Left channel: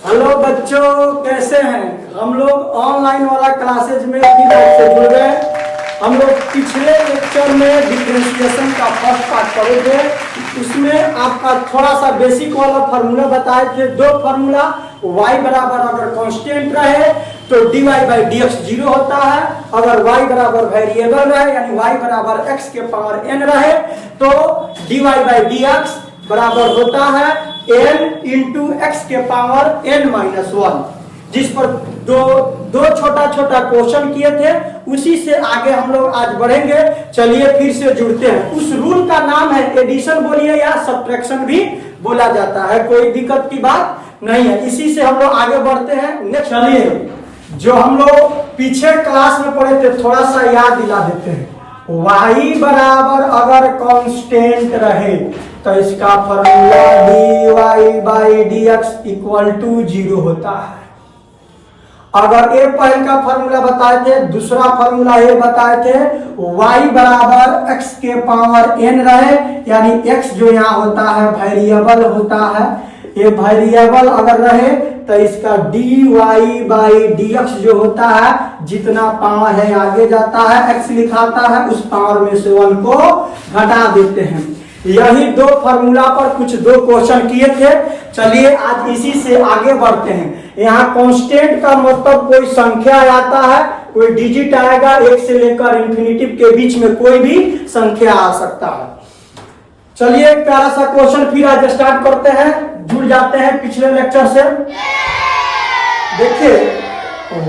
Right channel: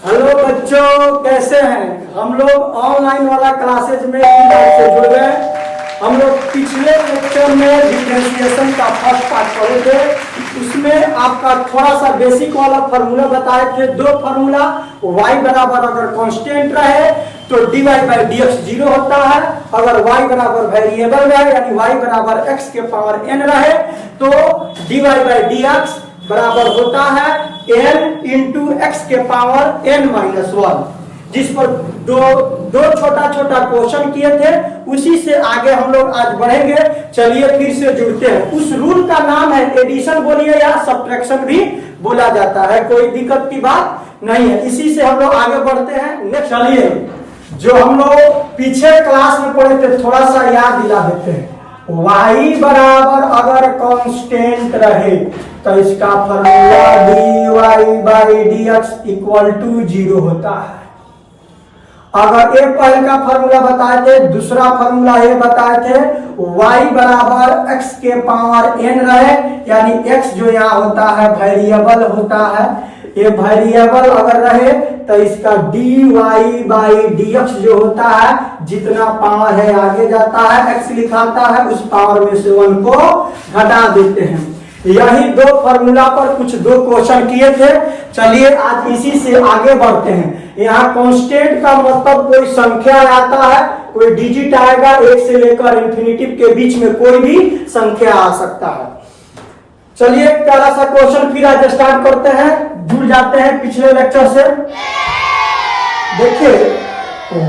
Hello बच्चों, कैसे हैं? हम लोग ऑनलाइन वाला क्लासेज में से जुड़ गए। हम लोग पिछले लेक्चर में डिफरेंशिएशन का फर्स्ट पार्ट पढ़े थे। उसमें आपका थोड़ा सा बेसिक वाला फार्मूला बताए थे। दो फार्मूला, y बराबर अगर कांस्टेंट रहे तो dy बाई डी एक्स 0 होता है। अगर y बराबर वेरिएबल रहे यानी y बराबर x के पावर n रहे तो dy बाई डी एक्स बराबर होता है n इंटू एक्स के पावर n माइनस 1। जिस पर दो छोटा छोटा क्वेश्चन किए थे, उसी से आगे हम लोग आज बढ़ेंगे। चलिए फिर से जुड़ते हैं। उस रूल का नाम है एडिशन बोलिए या सब्ट्रैक्शन भी बोला जाता है, कोई दिक्कत की बात नहीं है। इसी से हम लोग आगे बढ़ते हैं। नेक्स्ट चलिए, जो हम लोग पीछे क्लास में पढ़े थे थोड़ा सा याद दिला देते हैं। y बराबर अगर कांस्टेंट रहे तो इसका formula dy by d x equal to 0 होता है। अगर एक पहले का फॉर्मूला बताए थे, दूसरा फॉर्मूला ये बताए थे y बराबर x के पावर n रहे यानी x जो यहाँ होता है वेरिएबल होता है। ये वेरिएबल अगर रहे तो इसका dy बाई डी एक्स जो होता है, जितना पावर है आगे जाता है x लिखाता है, उस पावर में से 1 को घटा देते हैं। यही दो फार्मूला पर कुछ दो क्वेश्चन किए थे। चलिए आज इसी से आगे बढ़ते हैं। यहाँ कांस्टेंट का मतलब कोई संख्या आता है, कोई डिजिट आएगा, 1 से लेकर इंफिनिटिव के बीच में कोई भी संख्या आ सकता है। चलिए प्यारा सा क्वेश्चन फिर आज स्टार्ट करते हैं। जुड़ जाते हैं पिछले लेक्चर से। देखिए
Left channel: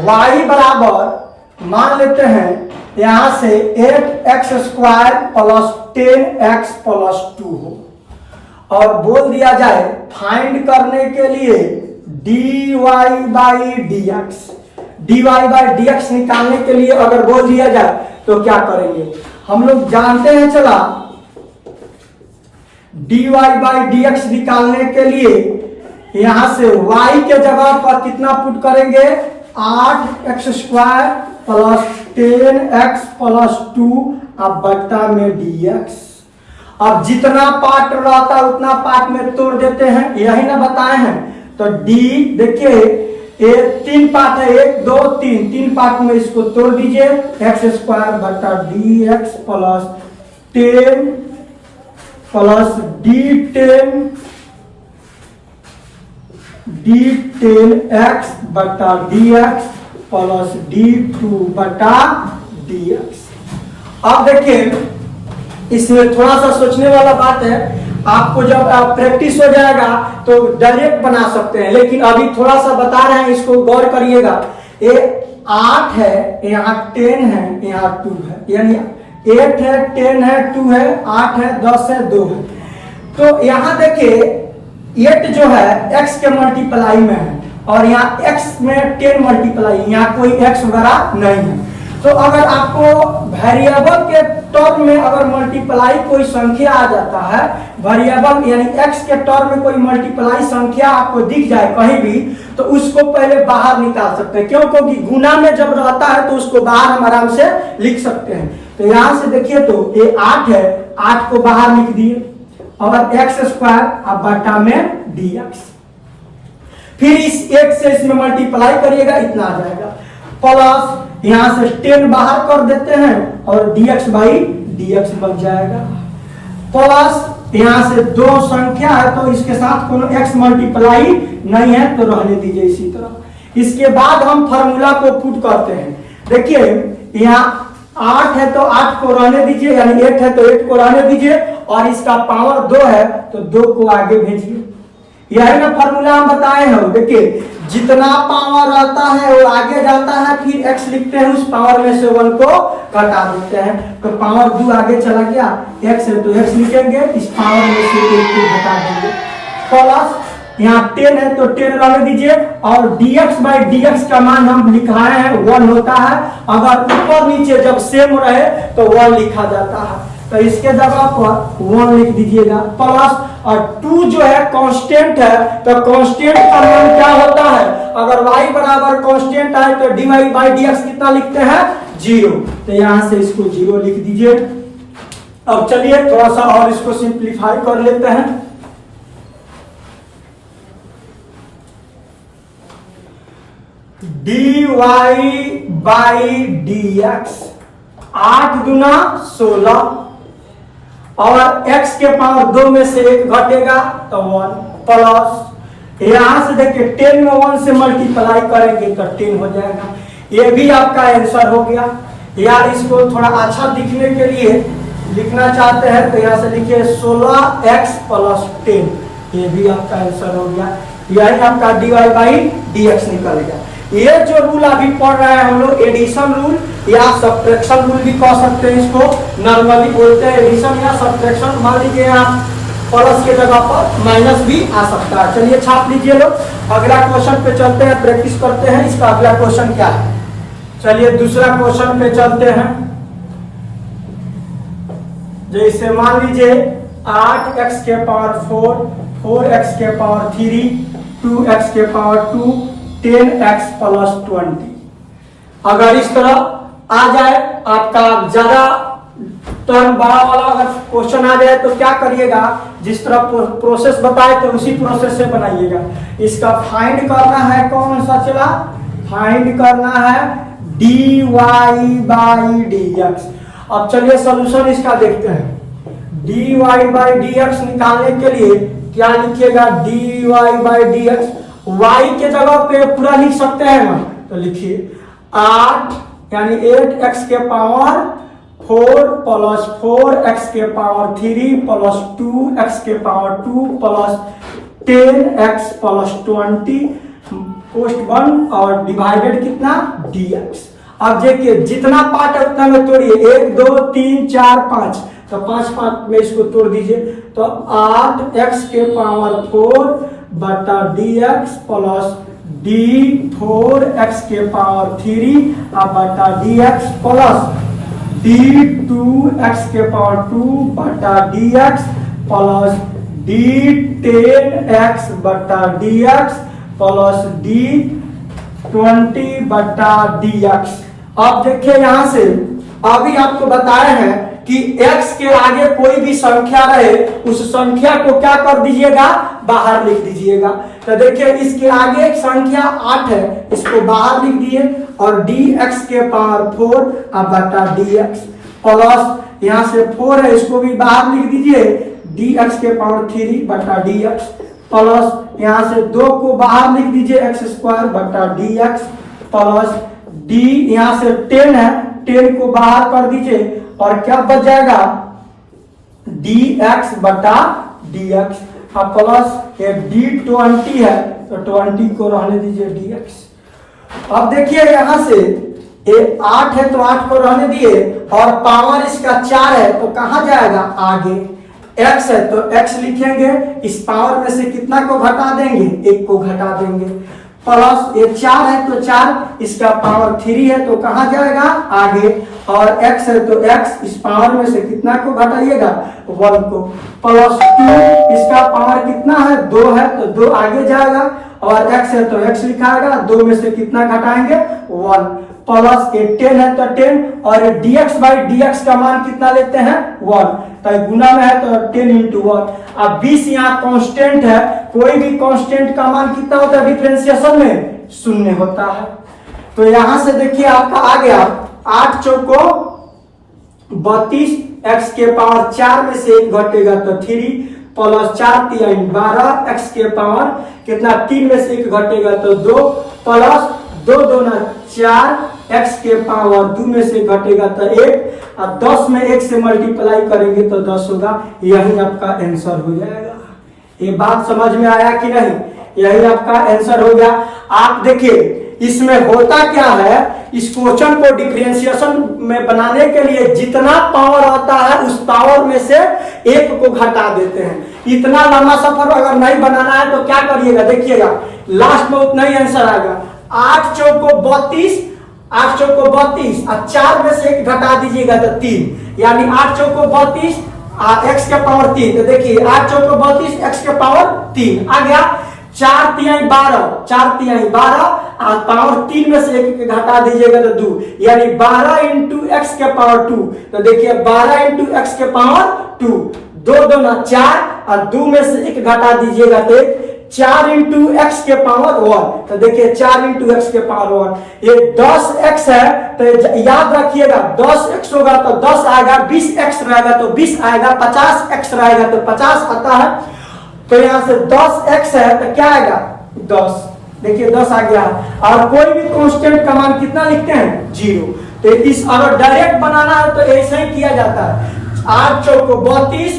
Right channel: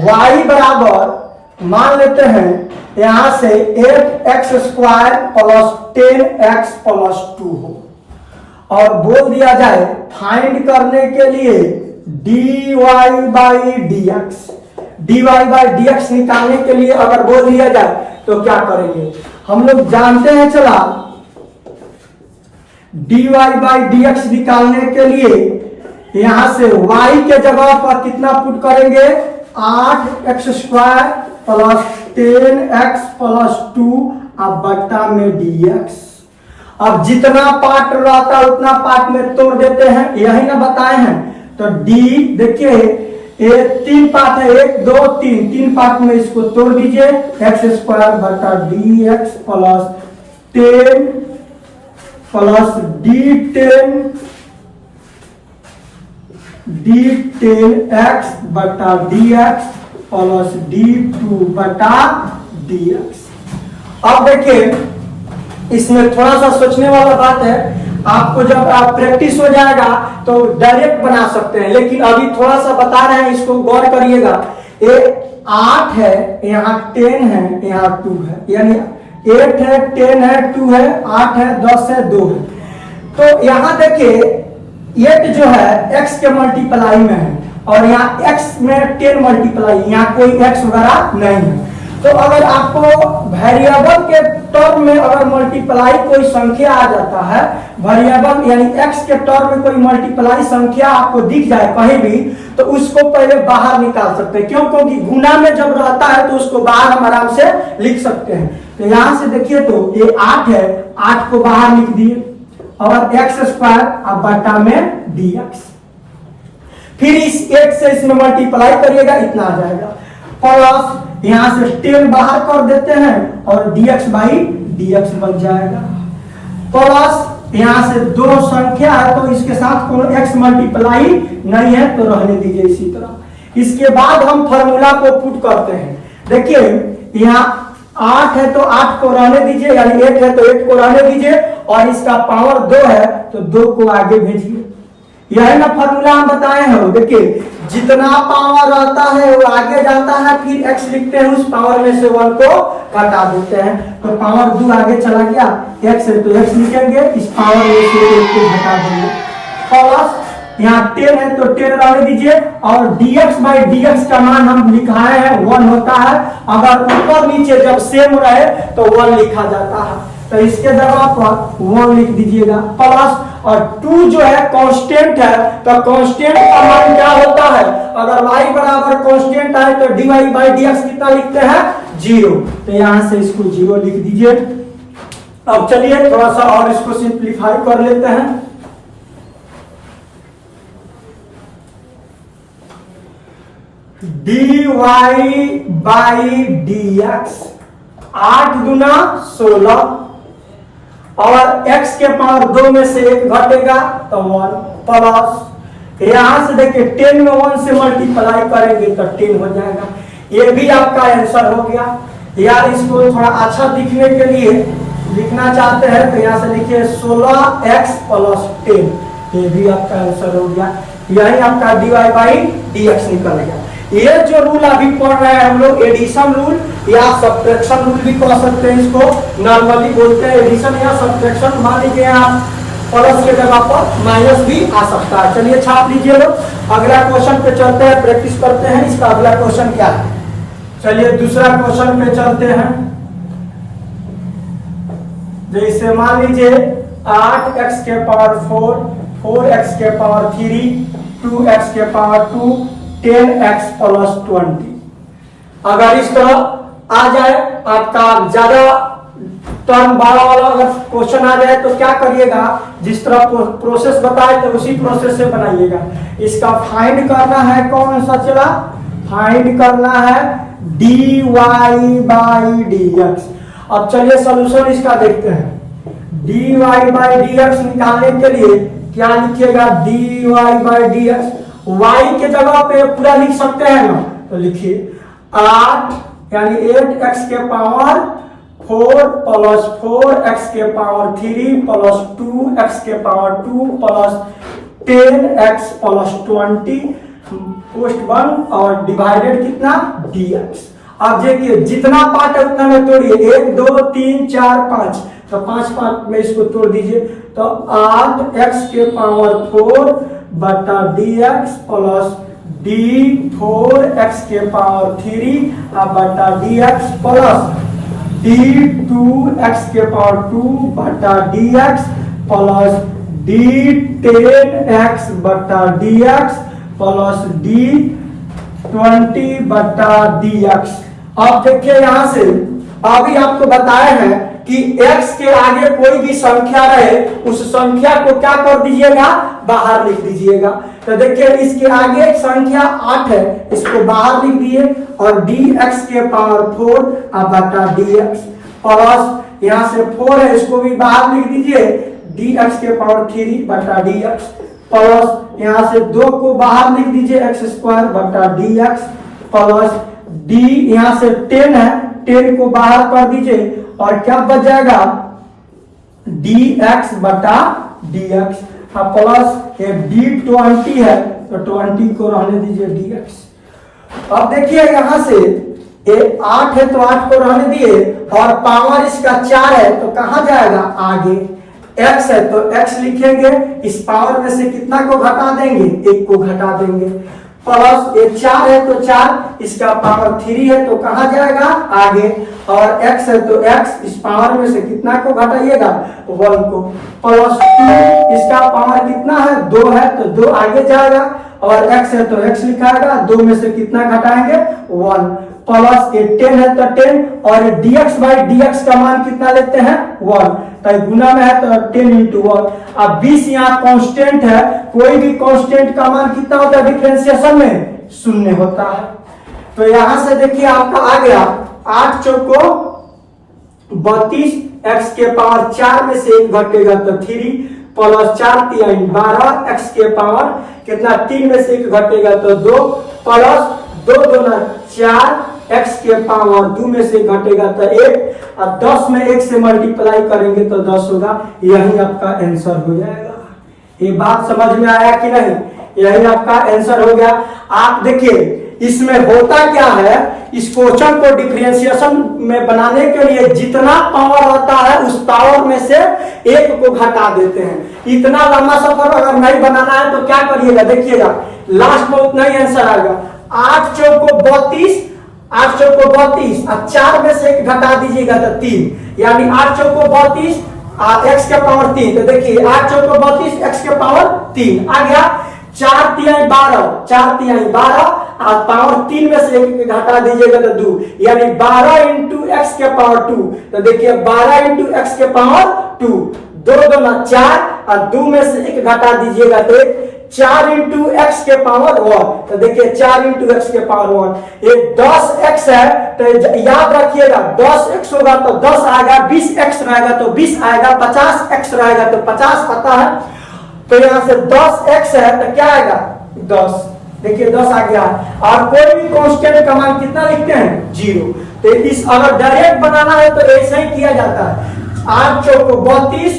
y बराबर मान लेते हैं यहां से 8x square plus 10x plus 2 हो और बोल दिया जाए फाइंड करने के लिए dy बाई डी एक्स निकालने के लिए अगर बोल दिया जाए तो क्या करेंगे? हम लोग जानते हैं, चला dy बाई डी एक्स निकालने के लिए यहां से y के जगह पर कितना पुट करेंगे? 8x square plus 10x plus 2 अब बट्टा में dx। अब जितना पार्ट रहता है उतना पार्ट में तोड़ देते हैं, यही ना बताए हैं। तो d देखिए ये 3 पार्ट है, 1 2 3 पार्ट में इसको तोड़ दीजिए। x स्क्वायर बट्टा dx प्लस 10 प्लस d10x बटा dx प्लस d2 बटा dx। अब देखिए इसमें थोड़ा सा सोचने वाला बात है। आपको जब आप प्रैक्टिस हो जाएगा तो डायरेक्ट बना सकते हैं, लेकिन अभी थोड़ा सा बता रहे हैं, इसको गौर करिएगा। ये 8 है, यहाँ 10 है, यहाँ 2 है, यानी 8 है, 10 है, 2 है, 8 है, 10 है, 2 है। तो यहाँ देखिए 8 जो है x के मल्टीप्लाई में है और यहाँ x में 10 मल्टीप्लाई, यहाँ कोई x वगैरह नहीं है। तो अगर आपको वेरिएबल के टर्म में अगर मल्टीप्लाई कोई संख्या आ जाता है, वेरिएबल यानी x के टर्म में कोई मल्टीप्लाई संख्या आपको दिख जाए कहीं भी, तो उसको पहले बाहर निकाल सकते हैं। क्यों? क्योंकि गुना में जब रहता है तो उसको बाहर हम आराम से लिख सकते हैं। तो यहाँ से देखिए तो ये 8 है, 8 को बाहर लिख दिए और x स्क्वायर अब बटा में dx। फिर इस 1 से इसमें मल्टीप्लाई करिएगा, इतना आ जाएगा। प्लस यहां से 10 बाहर कर देते हैं और dx बाई dx बन जाएगा। प्लस यहां से 2 संख्या है तो इसके साथ कोई x मल्टीप्लाई नहीं है तो रहने दीजिए इसी तरह। इसके बाद हम फॉर्मूला को पुट करते हैं। देखिए यहाँ 8 है तो 8 को रहने दीजिए, यानी 8 है तो 8 को रहने दीजिए और इसका पावर 2 है तो 2 को आगे भेजिए। यही ना फॉर्मूला हम बताए हैं। देखिए जितना पावर रहता है वो आगे जाता है, फिर x लिखते हैं, उस पावर में से 1 को घटा देते हैं तो पावर 2 आगे चला गया, x है तो x लिखेंगे, इस पावर में से 1 को घटा देंगे। प्लस यहाँ 10 है तो 10 रहने दीजिए और dx बाई dx का मान हम लिखाए हैं 1 होता है। अगर ऊपर नीचे जब सेम रहे तो 1 लिखा जाता है, तो इसके जगह पर 1 लिख दीजिएगा। प्लस और 2 जो है कांस्टेंट है तो कांस्टेंट का मान क्या होता है? अगर y बराबर कांस्टेंट है तो dy बाई dx कितना लिखते हैं? 0। तो यहां से इसको 0 लिख दीजिए। अब चलिए थोड़ा सा और इसको सिंप्लीफाई कर लेते हैं। dy बाई dx, 8 गुना 16, और x के पावर 2 में से 1 घटेगा तो 1, प्लस यहां से देखिए 10 में 1 से मल्टीप्लाई करेंगे तो 10 हो जाएगा। ये भी आपका आंसर हो गया। यार इसको थोड़ा अच्छा दिखने के लिए लिखना चाहते हैं तो यहाँ से लिखिए 16x प्लस 10, ये भी आपका आंसर हो गया। यही आपका dy बाई dx निकल गया। ये जो रूल अभी पढ़ रहे हैं हम लोग, एडिशन रूल या सब्ट्रैक्शन रूल भी कह सकते हैं, इसको नॉर्मली बोलते हैं एडिशन या सब्ट्रैक्शन। मान लीजिए आप प्लस के जगह पर माइनस भी आ सकता है। चलिए छाप लीजिए लोग। अगला क्वेश्चन पे चलते हैं, प्रैक्टिस करते हैं। इसका अगला क्वेश्चन क्या है, चलिए दूसरा क्वेश्चन पे चलते हैं। जैसे मान लीजिए 8x के पावर 4, 4x के पावर 3, 2x के पावर 2, 10x प्लस 20। अगर इस तरह आ जाए आपका ज्यादा टर्म बड़ा वाला अगर क्वेश्चन आ जाए तो क्या करिएगा, जिस तरह प्रोसेस बताए तो उसी प्रोसेस से बनाइएगा। इसका फाइंड करना है, कौन सा चला, फाइंड करना है dy बाई dx। अब चलिए सॉल्यूशन इसका देखते हैं। dy बाई dx निकालने के लिए क्या लिखिएगा, dy बाई dx, y के जगह पे पूरा लिख सकते हैं ना, तो लिखिए 8 यानी 8x के पावर 4 प्लस 4x के पावर 3 प्लस 2x के power 2 plus 10x plus 20 post 1 और डिवाइडेड कितना dx। अब देखिए जितना पार्ट है उतना में तोड़िए, 1 2 3 4 5, तो 5 पार्ट में इसको तोड़ दीजिए। तो 8x के पावर 4 बटा dx प्लस d4x के पावर 3 बटा dx प्लस d2x के पावर 2 बटा dx प्लस d10x बटा dx प्लस d20 बटा dx। अब देखिए यहां से अभी आपको बताया है कि x के आगे कोई भी संख्या रहे उस संख्या को क्या कर दीजिएगा, बाहर लिख दीजिएगा। तो देखिए इसके आगे एक संख्या 8 है, इसको बाहर लिख दिए, और dx के पावर 4 बटा dx प्लस यहाँ से 4 है, इसको भी बाहर लिख दीजिए, dx के पावर 3 बटा dx प्लस यहाँ से 2 को बाहर लिख दीजिए, x स्क्वायर बटा dx प्लस d यहाँ से 10 है, 10 को बाहर कर दीजिए और क्या बच जाएगा, dx बटा dx प्लस ये d20 है तो 20 को रहने दीजिए dx। अब देखिए यहां से ये 8 है तो 8 को रहने दिए, और पावर इसका 4 है तो कहां जाएगा, आगे। x है तो x लिखेंगे, इस पावर में से कितना को घटा देंगे, 1 को घटा देंगे, प्लस ये 4 है तो 4, इसका पावर 3 है तो कहां जाएगा, आगे, और x है तो x, इस पावर में से कितना को घटाइएगा, 1 को, प्लस 2, इसका पावर कितना है, 2 है तो 2 आगे जाएगा, और x है तो x लिखाएगा, 2 में से कितना घटाएंगे, 1, प्लस ये 10 है तो 10, और dx बाई dx का मान कितना लेते हैं, 1, तो गुना में है तो 10 इंटू 1। अब 20 यहाँ कांस्टेंट है, कोई भी कांस्टेंट का मान कितना होता है डिफरेंशिएशन में, 0 होता है। तो यहां से देखिए आपका आ गया 8 चौको 32, x के पावर 4 में से 1 घटेगा तो 3, प्लस 4 3 12, x के पावर कितना 3 में से 1 घटेगा तो 2, प्लस 2 2 4, x के पावर 2 में से घटेगा तो 1, और 10 में 1 से मल्टीप्लाई करेंगे तो 10 होगा। यही आपका आंसर हो जाएगा। ये बात समझ में आया कि नहीं, यही आपका आंसर हो गया। आप देखिए इसमें होता क्या है, इस क्वेश्चन को डिफरेंशिएशन में बनाने के लिए जितना पावर होता है उस पावर में से 1 को घटा देते हैं। इतना लंबा सफर अगर नहीं बनाना है तो क्या करिएगा, देखिएगा लास्ट में उतना ही आंसर आएगा। 8 चौको 32, 8 चौको 32 और 4 में से 1 घटा दीजिएगा तो 3, यानी 8 चौको 32 x के पावर 3, तो देखिए 8 चौको 32 x के पावर 3 आ गया, 4 3 12, 4 3 12 और पावर 3 में से 1 घटा दीजिएगा तो 2, यानी 12 इंटू एक्स के पावर 2, तो देखिए 12 इंटू एक्स के पावर 2, 2 2 4 और 2 में से 1 घटा दीजिएगा तो 4 इंटू एक्स के पावर 1, तो देखिए 4 इंटू एक्स के पावर 1, ये 10x है, तो याद रखिएगा 10x होगा तो 10 आएगा, 20x रहेगा तो 20 आएगा, 50x रहेगा तो 50 आता है। तो यहां से 10x है तो क्या आएगा 10, देखिए 10 आ गया। और कोई भी कांस्टेंट का मान कितना लिखते हैं 0। तो इस अगर डायरेक्ट बनाना है तो ऐसे ही किया जाता है, 8 चौको 32,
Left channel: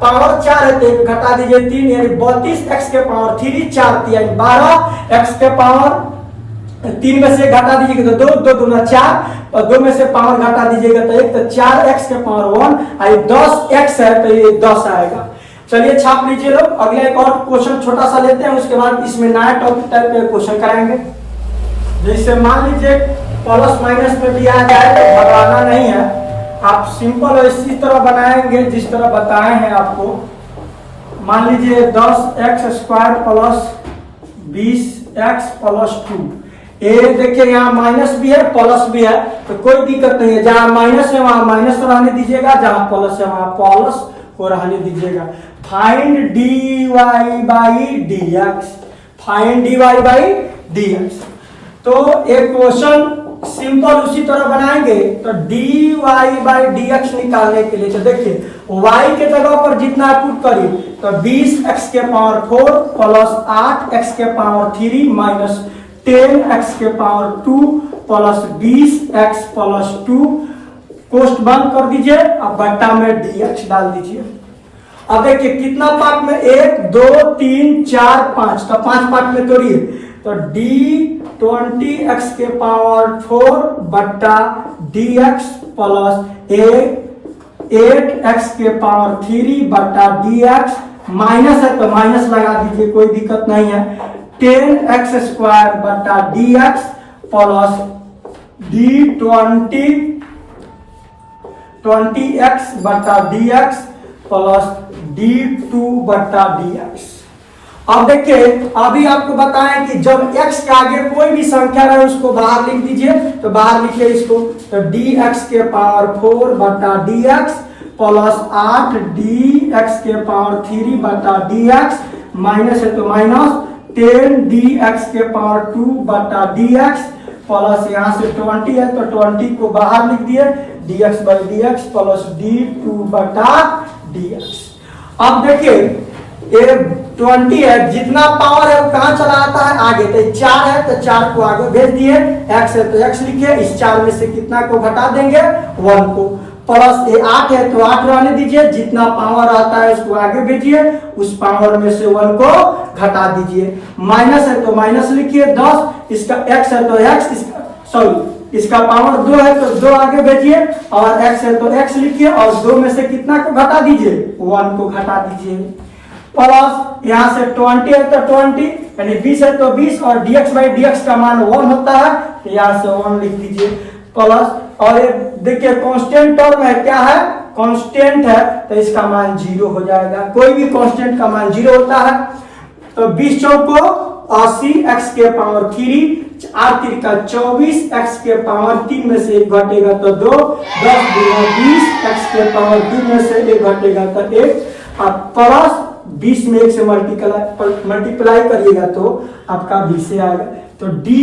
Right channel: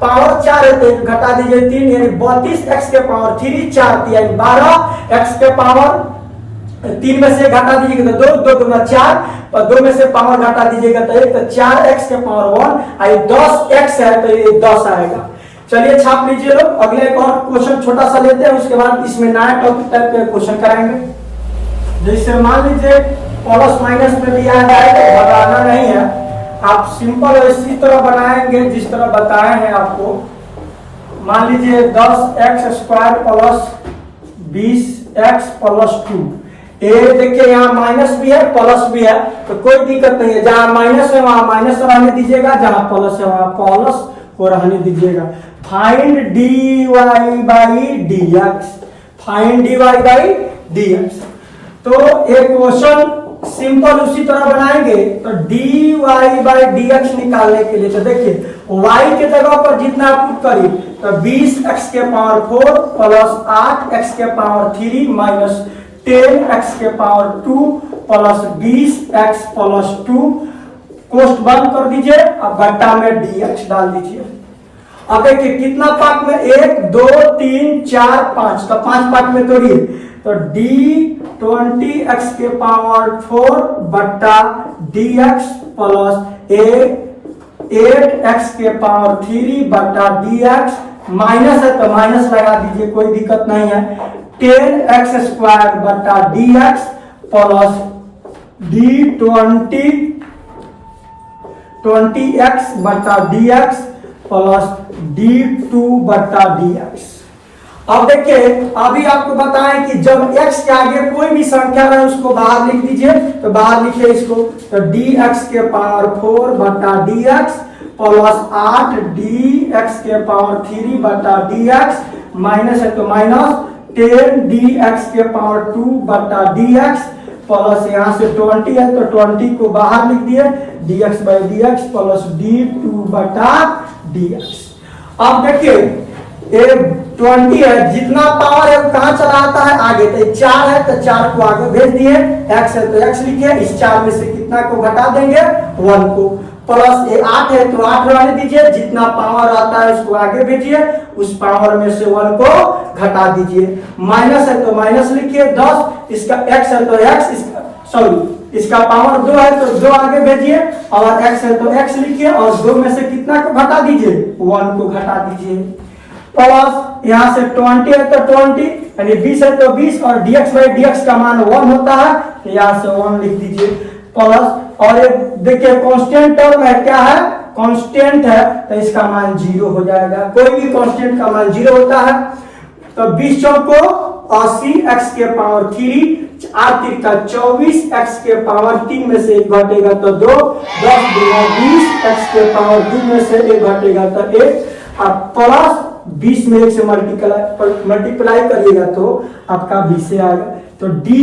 पावर 4 है तो एक घटा दीजिए 3, यानी 32x के पावर 3, 4 यानी 12x के पावर 3 में से घटा दीजिएगा तो 2, 2 दूना 4, और 2 में से पावर घटा दीजिएगा तो 1, तो 4x के पावर 1, और 10x है तो ये 10 आएगा। चलिए छाप लीजिए लोग। अगला एक और क्वेश्चन छोटा सा लेते हैं, उसके बाद इसमें नया टॉपिक टाइप के क्वेश्चन कराएंगे। जैसे मान लीजिए प्लस माइनस पे भी आ जाए तो घटाना नहीं है, आप सिंपल इसी तरह बनाएंगे जिस तरह बताए हैं आपको। मान लीजिए 10x² प्लस 20x प्लस 2, ये देखिए यहाँ माइनस भी है प्लस भी है, तो कोई दिक्कत नहीं है, जहां माइनस है वहां माइनस रहने दीजिएगा, जहां प्लस है वहां प्लस को रहने दीजिएगा। Find dy by dx, find dy by dx। तो एक क्वेश्चन सिंपल उसी तरह बनाएंगे, तो dy बाई dx निकालने के लिए तो देखिए y के जगह पर जितना पुट करिए तो 20x के पावर 4 प्लस 8x के पावर 3 माइनस 10x के पावर 2 प्लस 20x प्लस 2, कोष्ट बंद कर दीजिए, अब बट्टा में dx डाल दीजिए। अब देखिए कितना पार्ट में 1 2 3 4 5, तो 5 पार्ट में तोड़िए, तो d20x के पावर 4 बट्टा dx प्लस 8x के पावर 3 बट्टा dx, माइनस है तो माइनस लगा दीजिए, कोई दिक्कत नहीं है, 10x² बट्टा dx प्लस d20x बट्टा dx प्लस d2 बट्टा dx। अब देखिए अभी आपको बताएं कि जब x के आगे कोई भी संख्या रहे उसको बाहर लिख दीजिए, तो बाहर लिखिए इसको, तो dx के पावर 4 बट्टा dx प्लस 8 dx के पावर 3 बट्टा dx, माइनस है तो माइनस 10 dx के पावर 2 बट्टा dx प्लस यहाँ से 20 है तो 20 को बाहर लिख दिए, dx by dx plus d2 बटा dx। अब देखिए ये 20 है, जितना पावर है वो कहाँ चला आता है आगे, तो 4 है तो 4 को आगे भेज दिए, x है तो x लिखिए, इस 4 में से कितना को घटा देंगे 1 को, प्लस ये 8 है तो 8 रहने दीजिए, जितना पावर आता है उसको आगे भेजिए, उस पावर में से 1 को घटा दीजिए, माइनस है तो माइनस लिखिए 10, इसका x है तो x, इसका सॉरी इसका पावर 2 है तो 2 आगे भेजिए, और x है तो x लिखिए, और 2 में से कितना को घटा दीजिए 1 को घटा दीजिए, प्लस यहाँ से 20 है तो 20 यानी 20 है तो 20, और dx बाई dx का मान 1 होता है तो यहाँ से 1 लिख दीजिए, प्लस, और ये देखिए कांस्टेंट टर्म है, क्या है कांस्टेंट है, तो इसका मान 0 हो जाएगा, कोई भी कांस्टेंट का मान 0 होता है। तो 20 चौको 80 x के पावर 3, 8 तिरका 24 x के पावर 3 में से 1 घटेगा तो 2, 10 दूना 20 x के पावर 2 में से 1 घटेगा तो 1, अब प्लस 20 में 1 से मल्टीप्लाई करिएगा तो आपका 20 से आएगा, तो dy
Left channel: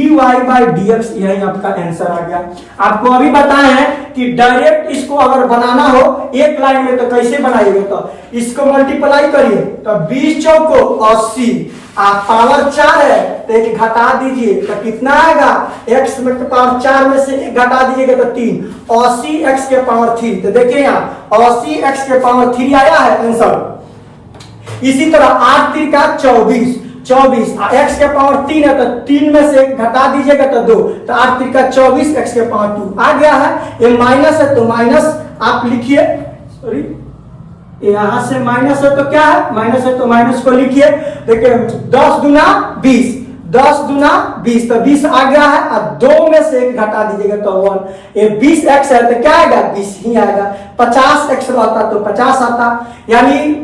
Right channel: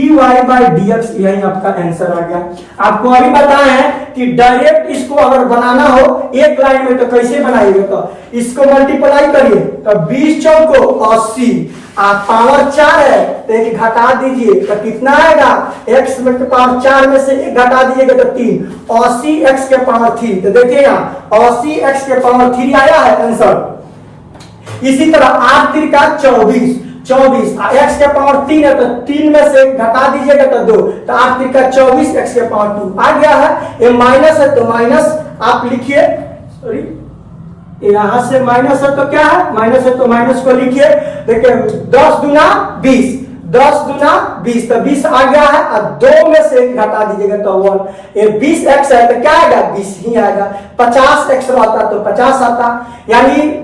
बाई dx यही आपका आंसर आ गया। आपको अभी बताया है कि डायरेक्ट इसको अगर बनाना हो एक लाइन में तो कैसे बनाइएगा, तो इसको मल्टीप्लाई करिए, तो 20 चौको 80, पावर 4 है तो एक घटा दीजिए तो कितना आएगा, x में पावर 4 में से 1 घटा दीजिएगा तो 3, 80 x के पावर 3, तो देखिए यहाँ 80 x के पावर 3 आया है आंसर। इसी तरह 8 तिरका 24, x के पावर 3 है तो 3 में से घटा दीजिएगा तो 2, तो 8 तिरका 24 x के पावर 2 आ गया है। ये माइनस है तो माइनस आप लिखिए, सॉरी यहां से माइनस है तो क्या है, माइनस है तो माइनस को लिखिए, देखिए 10 दूना 20, 10 दूना 20 तो 20 आ गया है, और 2 में से घटा दीजिएगा तो 1, ये 20x है तो क्या आएगा 20 ही आएगा, 50x रहता तो 50 आता, यानी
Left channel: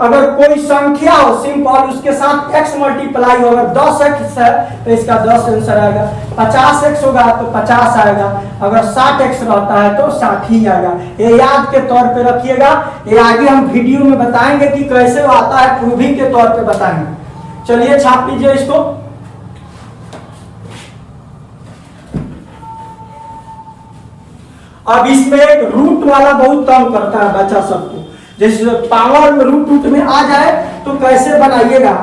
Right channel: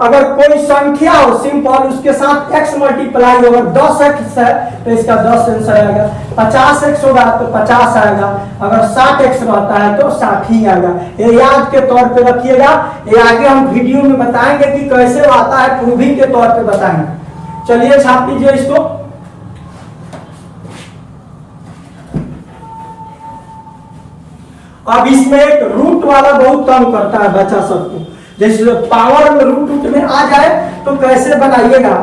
अगर कोई संख्या हो सिंपल उसके साथ x मल्टीप्लाई हो, अगर 10x है तो इसका 10 आंसर आएगा, 50x होगा तो 50 आएगा, अगर 60x रहता है तो 60 ही आएगा। ये याद के तौर पे रखिएगा, ये आगे हम वीडियो में बताएंगे कि कैसे आता है, प्रूविंग के तौर पे बताएंगे। चलिए छाप लीजिए इसको। अब इसमें एक रूट वाला बहुत तंग करता है बच्चा सबको, जैसे पावर में रूट में आ जाए तो कैसे बनाइएगा।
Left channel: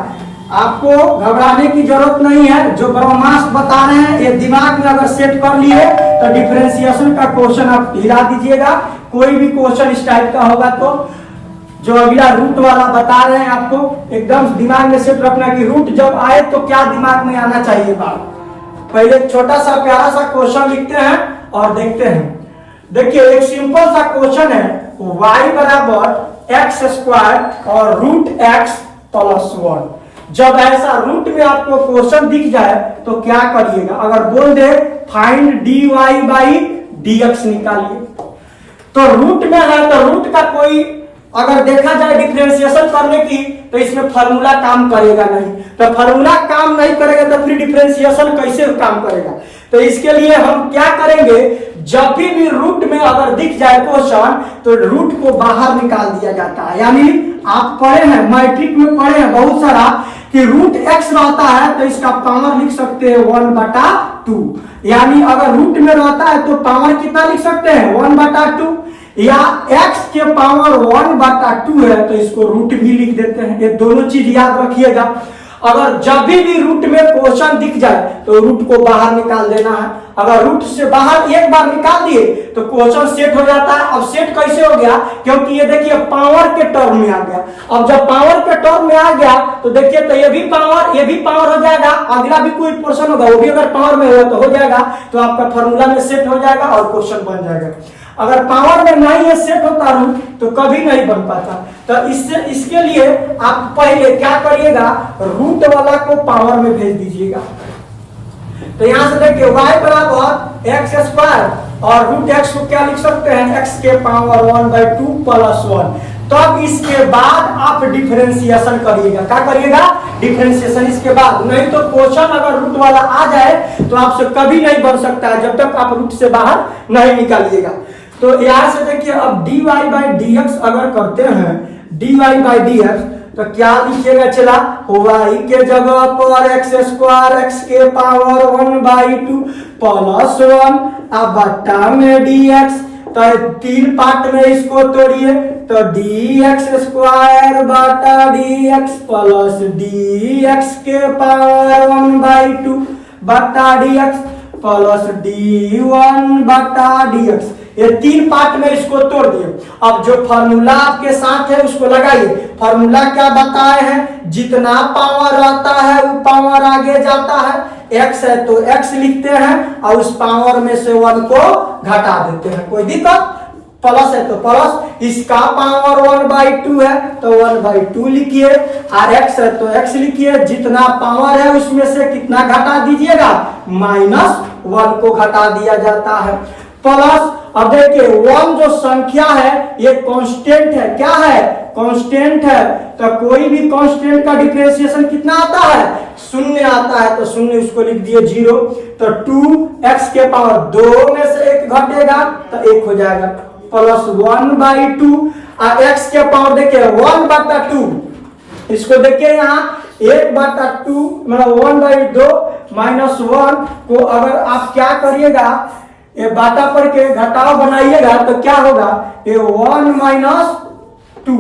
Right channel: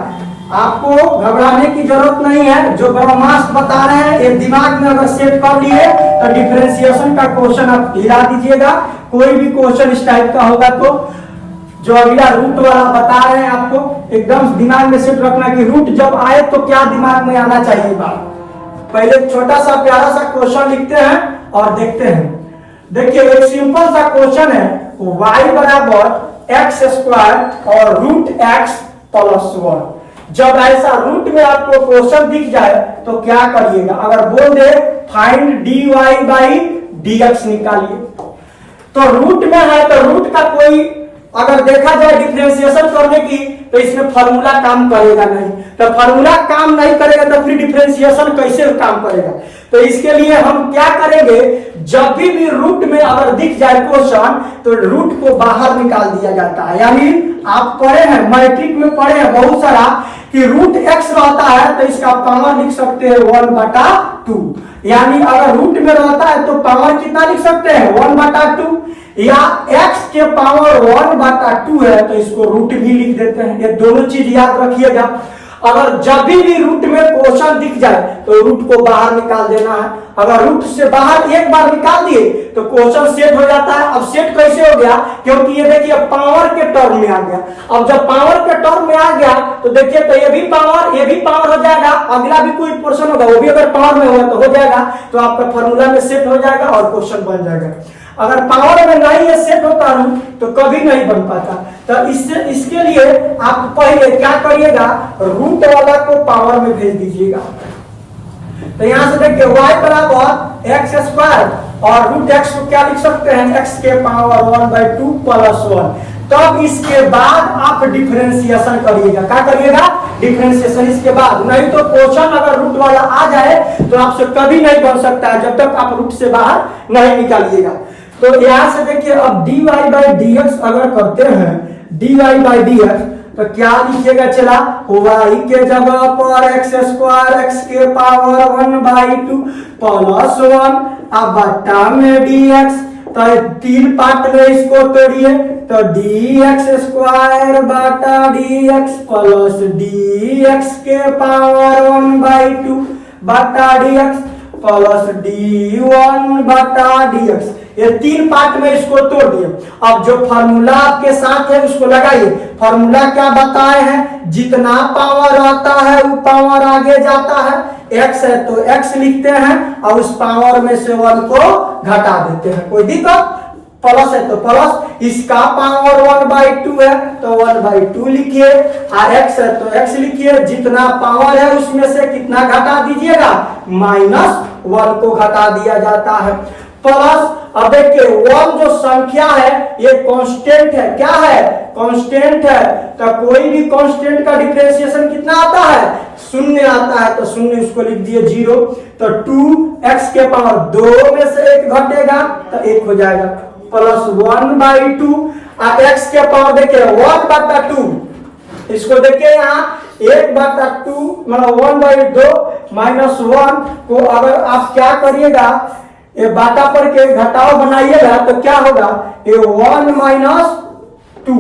आपको घबराने की जरूरत नहीं है, जो ब्रह्मास्त्र बता रहे हैं ये दिमाग में अगर सेट कर लिए तो डिफरेंशिएशन का क्वेश्चन आप हिला दीजिएगा। कोई भी क्वेश्चन इस टाइप का होगा तो जो अगला रूट वाला बता रहे हैं आपको एकदम दिमाग में सेट रखना कि रूट जब आए तो क्या दिमाग में आना चाहिए बात। पहले छोटा सा प्यारा सा क्वेश्चन लिखते हैं और देखते हैं। देखिए एक सिंपल सा क्वेश्चन है, y बराबर एक्स स्क्वायर और रूट एक्स प्लस 1। जब ऐसा रूट में आपको क्वेश्चन दिख जाए तो क्या करिएगा। अगर बोल they find dy by dx निकालिए, तो रूट में है तो रूट का कोई अगर देखा जाए डिफरेंशिएशन करने की तो इसमें फार्मूला काम करेगा नहीं, तो फार्मूला काम नहीं करेगा तो फिर डिफरेंशिएशन कैसे काम करेगा। तो इसके लिए हम क्या करेंगे, जब भी रूट में अगर दिख जाए क्वेश्चन तो रूट को बाहर निकाल दिया जाता है। यानी आप पढ़े हैं मैट्रिक में पढ़े हैं बहुत सारा कि रूट एक्स रहता है तो इसका पावर लिख सकते हैं 1/2। यानी अगर रूट में रहता है तो पावर कितना लिख सकते हैं 1/2, या x के पावर 1/2 है तो इसको रूट भी लिख देते हैं। ये दोनों चीज याद रखिएगा। अगर जब भी रूट में क्वेश्चन दिख जाए तो रूट को बाहर निकाल देना है। अगर रूट से बाहर एक बार निकाल दिए तो क्वेश्चन सेट हो जाता है। अब सेट कैसे हो गया, क्योंकि ये देखिए पावर के टर्म में आ गया। अब जब पावर के टर्म में आ गया तो देखिए तो ये भी पावर हो जाएगा, अगला भी कोई पोर्शन होगा वो भी अगर पावर में होगा तो हो जाएगा, तो आपका फॉर्मूला में सेट हो जाएगा और क्वेश्चन बन जाएगा। अगर पावर में नहीं है सेट होता रूट तो कभी नहीं बन पाता। तो इसके लिए आप पहले क्या करिएगा, रूट वाला को पावर में भेज दीजिएगा। तो यहां से देखिए y बराबर एक्स स्क्वायर और रूट एक्स को क्या लिख सकते हैं एक्स के पावर 1/2 प्लस 1। तब इसके बाद आप डिफरेंशिएशन करिएगा। क्या करिएगा, डिफरेंशिएशन इसके बाद। नहीं तो क्वेश्चन अगर रूट वाला आ जाए तो आपसे कभी नहीं बन सकता है जब तक आप रूट से बाहर नहीं निकालिएगा। तो यहां से देखिए अब dy बाई dx अगर करते हैं dy बाई dx तो क्या लिखिएगा, चला y के जगह पर एक्स स्क्वायर एक्स के पावर 1/2 प्लस 1 अब बट्टा में dx। तो तीन पार्ट में इसको तोड़िए तो dx स्क्वायर बटा dx प्लस dx के पावर 1/2 बटा dx प्लस d1 बटा dx। ये तीन पार्ट में इसको तोड़ दिए। अब जो फार्मूला आपके साथ है उसको लगाइए। फार्मूला क्या बताए हैं, जितना पावर आता है वो पावर आगे जाता है। x है तो x लिखते हैं और उस पावर में से 1 को घटा देते हैं, कोई दिक्कत। प्लस है तो प्लस, इसका पावर 1/2 है तो 1/2 लिखिए, और x है तो x लिखिए। जितना पावर है उसमें से कितना घटा दीजिएगा, -1 को घटा दिया जाता है। प्लस अब देखिए 1 जो संख्या है ये कांस्टेंट है। क्या है, कांस्टेंट है। तो कोई भी कांस्टेंट का डिफरेंशिएशन कितना आता है, 0 आता है। तो 0 इसको लिख दिए 0। तो 2x के पावर 2 में से 1 घटेगा तो 1 हो जाएगा प्लस 1/2 और x के पावर देखिए 1/2। इसको देखिए यहाँ 1/2 मतलब 1/2 -1 को अगर आप क्या करिएगा, ये बाटा पर के घटाव बनाइएगा तो क्या होगा, ये 1 - 2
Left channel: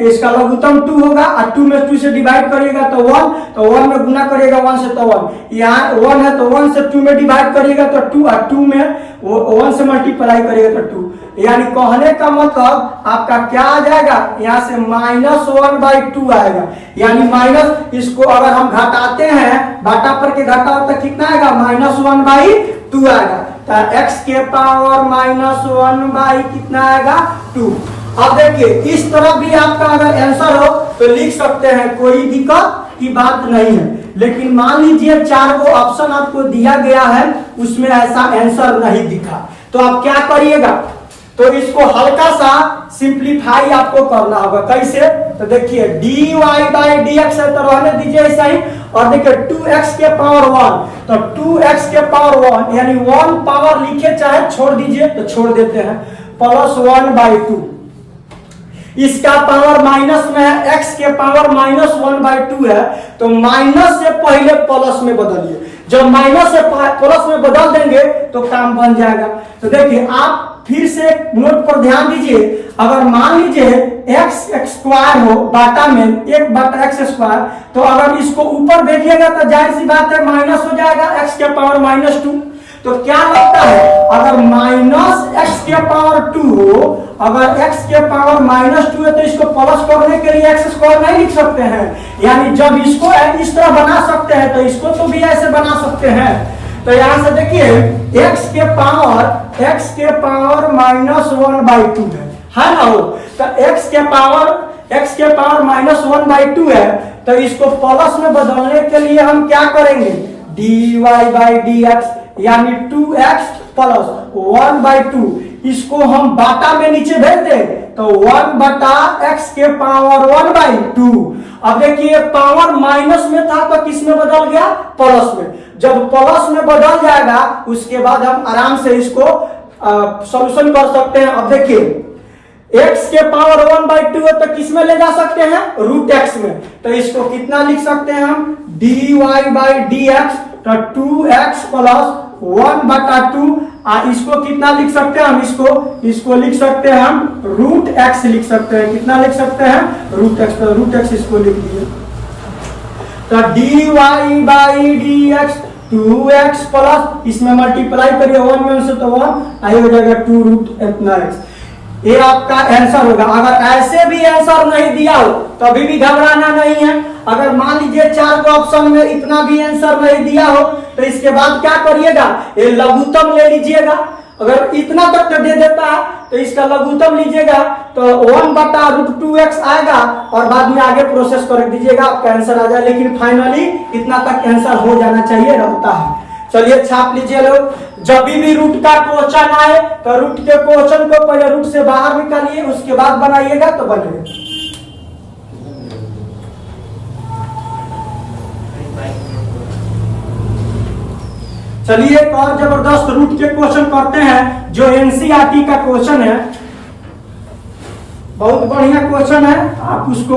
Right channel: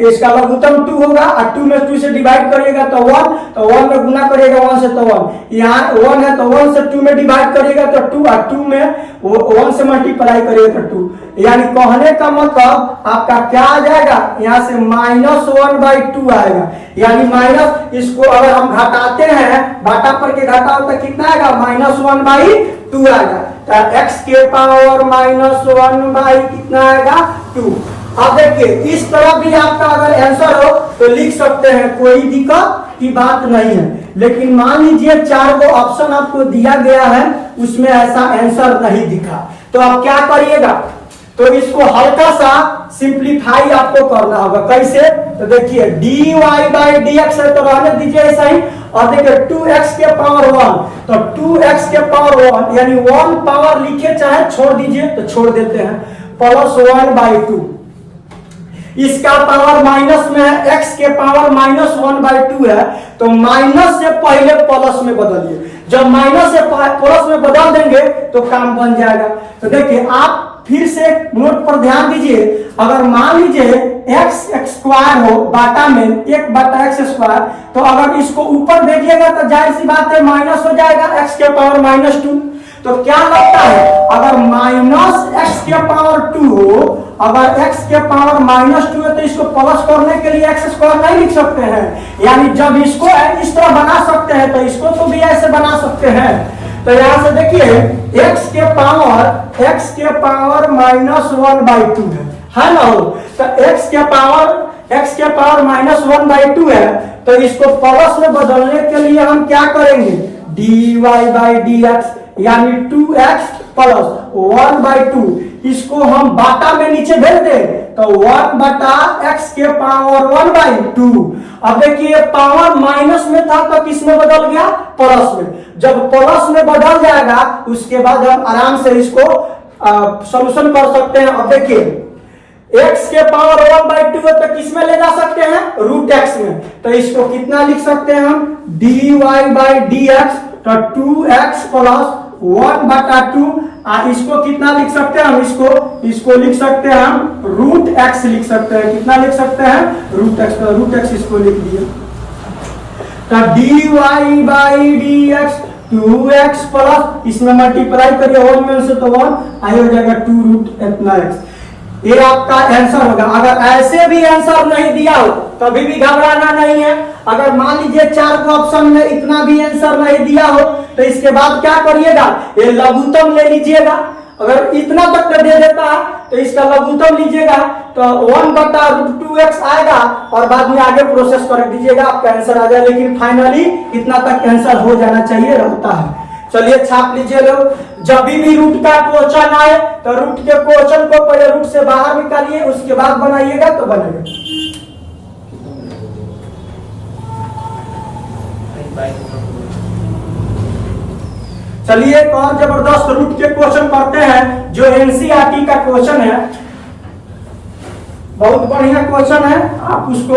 इसका लघुत्तम 2 होगा और 2 में 2 से डिवाइड करिएगा तो 1, तो 1 में गुना करिएगा 1 से तो 1, यहाँ 1 है तो 1 से 2 में डिवाइड करिएगा तो 2 और 2 में 1 से मल्टीप्लाई करिएगा तो 2। यानी कहने का मतलब आपका क्या आ जाएगा, यहाँ से -1/2 आएगा। यानी माइनस इसको अगर हम घटाते हैं बाटा पर के घटाव तो कितना आएगा, -1/2 आएगा। तो x के पावर -1 कितना आएगा 2। अब देखिए इस तरफ भी आपका अगर आंसर हो तो लिख सकते हैं, कोई दिक्कत की बात नहीं है। लेकिन मान लीजिए 4 को ऑप्शन आपको दिया गया है उसमें ऐसा आंसर नहीं दिखा तो आप क्या करिएगा, तो इसको हल्का सा सिंप्लीफाई आपको करना होगा। कैसे, तो देखिए dy बाई dx है तो रहने दीजिए ऐसा ही। और देखिए 2x के पावर 1 तो 2x के पावर 1 यानी 1 पावर लिखे चाहे छोड़ दीजिए तो छोड़ देते हैं प्लस 1/2। इसका पावर माइनस में है, x के पावर -1/2 है, तो माइनस से पहले प्लस में बदलिए। जब माइनस से प्लस में बदल देंगे तो काम बन जाएगा। तो देखिए आप फिर से नोट पर ध्यान दीजिए, अगर मान लीजिए x स्क्वायर हो बाटा में 1/x², तो अगर इसको ऊपर देखिएगा तो जाहिर सी बात है माइनस हो जाएगा x के पावर -2। तो क्या लगता है, अगर -x के पावर 2 हो, अगर x के पावर -2 है तो इसको प्लस करने के लिए x² नहीं लिख सकते हैं, यानी जब इसको इस तरह बना सकते हैं तो इसको तो भी ऐसे बना सकते हैं। तो यहां से देखिए x के पावर -1/2 है ना हो, तो x के पावर -1/2 है, तो इसको प्लस में बदलने के लिए हम क्या करेंगे, dy/dx यानी 2x प्लस 1/2, इसको हम बाटा में नीचे भेज दें तो 1/x के पावर 1/2। अब देखिए पावर माइनस में था तो किस में बदल गया, प्लस में। जब प्लस में बदल जाएगा उसके बाद हम आराम से इसको सॉल्यूशन कर सकते हैं। अब देखिए x के पावर 1/2 है तो किस में ले जा सकते हैं, √x में। तो इसको कितना लिख सकते हैं हम, dy/dx, तो 2x प्लस 1/2। इसको कितना लिख सकते हैं हम, इसको लिख सकते हैं हम √x लिख सकते हैं। कितना लिख सकते हैं, √x, तो √x इसको लिख दिए। तो dy/dx 2x प्लस, इसमें मल्टीप्लाई करिए 1 में से तो 1 आई हो जाएगा 2√x। ये आपका आंसर होगा। अगर ऐसे भी आंसर नहीं दिया हो तभी भी घबराना नहीं है। अगर मान लीजिए 4 को ऑप्शन में इतना भी आंसर नहीं दिया हो तो इसके बाद क्या करिएगा, ये लघुत्तम ले लीजिएगा। अगर इतना तक का दे देता है तो इसका लघुत्तम लीजिएगा तो 1/√2x आएगा और बाद में आगे प्रोसेस कर दीजिएगा, आपका आंसर आ जाए। लेकिन फाइनली इतना तक आंसर हो जाना चाहिए, रहता है। चलिए छाप लीजिए लोग, जब भी रूट का क्वेश्चन आए तो रूट के क्वेश्चन को पहले रूट से बाहर निकालिए, उसके बाद बनाइएगा तो बनेगा। चलिए एक और जबरदस्त रूट के क्वेश्चन करते हैं जो एनसीईआरटी का क्वेश्चन है। बहुत बढ़िया क्वेश्चन है, आप उसको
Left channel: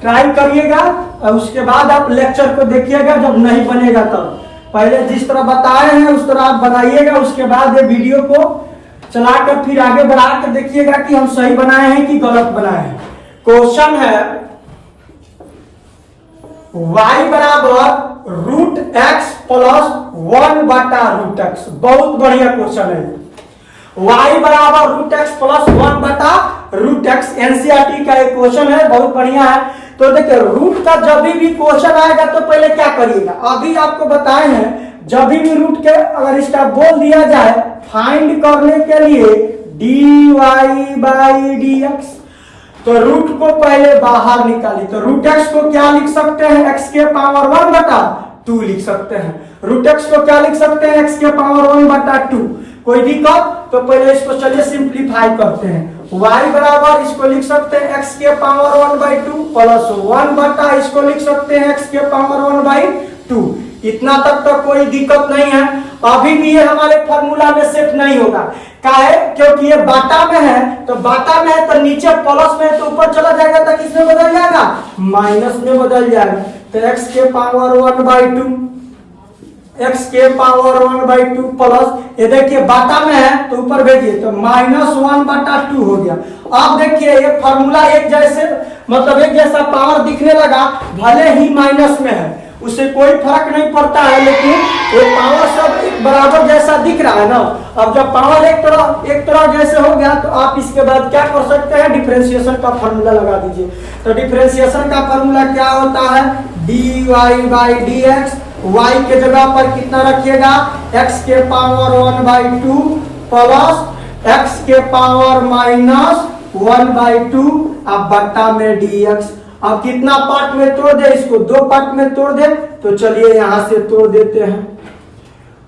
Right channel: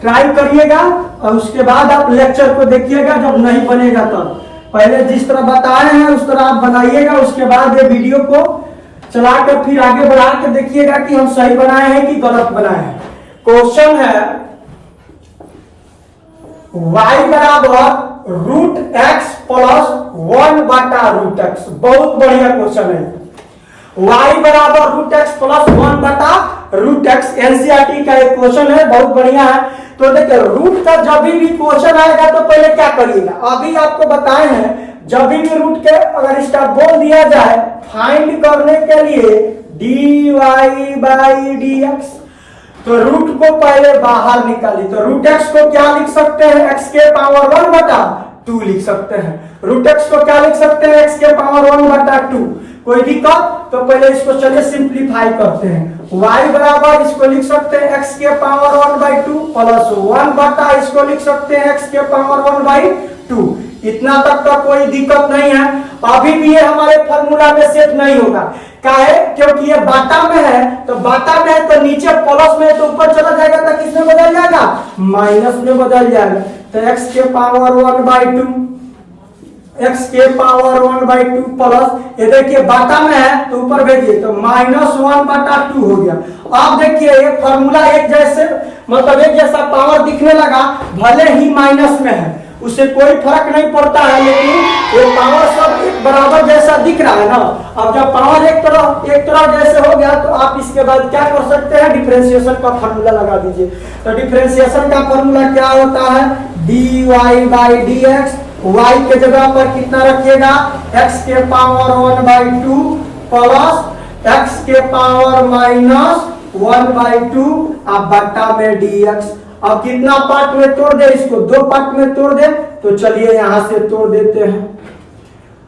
ट्राई करिएगा और उसके बाद आप लेक्चर को देखिएगा। जब नहीं बनेगा तब पहले जिस तरह बताए हैं उस तरह आप बनाइएगा, उसके बाद ये वीडियो को चला कर फिर आगे बढ़ा कर देखिएगा कि हम सही बनाए हैं कि गलत बनाए हैं। क्वेश्चन है y बराबर √x प्लस 1/√x। बहुत बढ़िया क्वेश्चन है। y बराबर √x प्लस 1/√x एनसीईआरटी का एक क्वेश्चन है, बहुत बढ़िया है। तो देखिए रूट का जब भी क्वेश्चन आएगा तो पहले क्या करिएगा, अभी आपको बताए हैं जब भी रूट के अगर इसका बोल दिया जाए फाइंड करने के लिए dy/dx, तो रूट को पहले बाहर निकालिए। तो √x को क्या लिख सकते हैं, x के पावर 1/2 लिख सकते हैं। √x को क्या लिख सकते हैं, x के पावर 1/2। कोई दिक्कत, तो पहले इसको चलिए सिंप्लीफाई करते हैं। y बराबर इसको लिख सकते हैं x के पावर 1/2 प्लस 1/, इसको लिख सकते हैं x के पावर 1/2। इतना तक का कोई दिक्कत नहीं है। अभी भी ये हमारे फॉर्मूला में सेट नहीं होगा, काहे, क्योंकि ये बाटा में है। तो बाटा में है तो नीचे प्लस में, तो ऊपर चला जाएगा तो किसमें बदल जाएगा, माइनस में बदल जाएगा। तो x के पावर 1/2, x के पावर 1/2 प्लस, ये देखिए बाटा में है तो ऊपर भेजिए तो -1/2 हो गया। अब देखिए ये फॉर्मूला एक जैसे, मतलब एक जैसा पावर दिखने लगा, भले ही माइनस में है उससे कोई फर्क नहीं पड़ता है, लेकिन ये पावर सब एक बराबर जैसा दिख रहा है ना। अब जब पावर एक तरह जैसे हो गया तो आप इसके बाद क्या कर सकते हैं, डिफरेंशिएशन का फॉर्मूला लगा दीजिए। तो डिफरेंशिएशन का फॉर्मूला क्या होता है, dy/dx, y के जगह पर कितना रखिएगा, x के पावर 1/2 प्लस x के पावर -1/2 अब बट्टा में dx। अब कितना पार्ट में तोड़ दे, इसको 2 पार्ट में तोड़ दे। तो चलिए यहां से तोड़ देते हैं।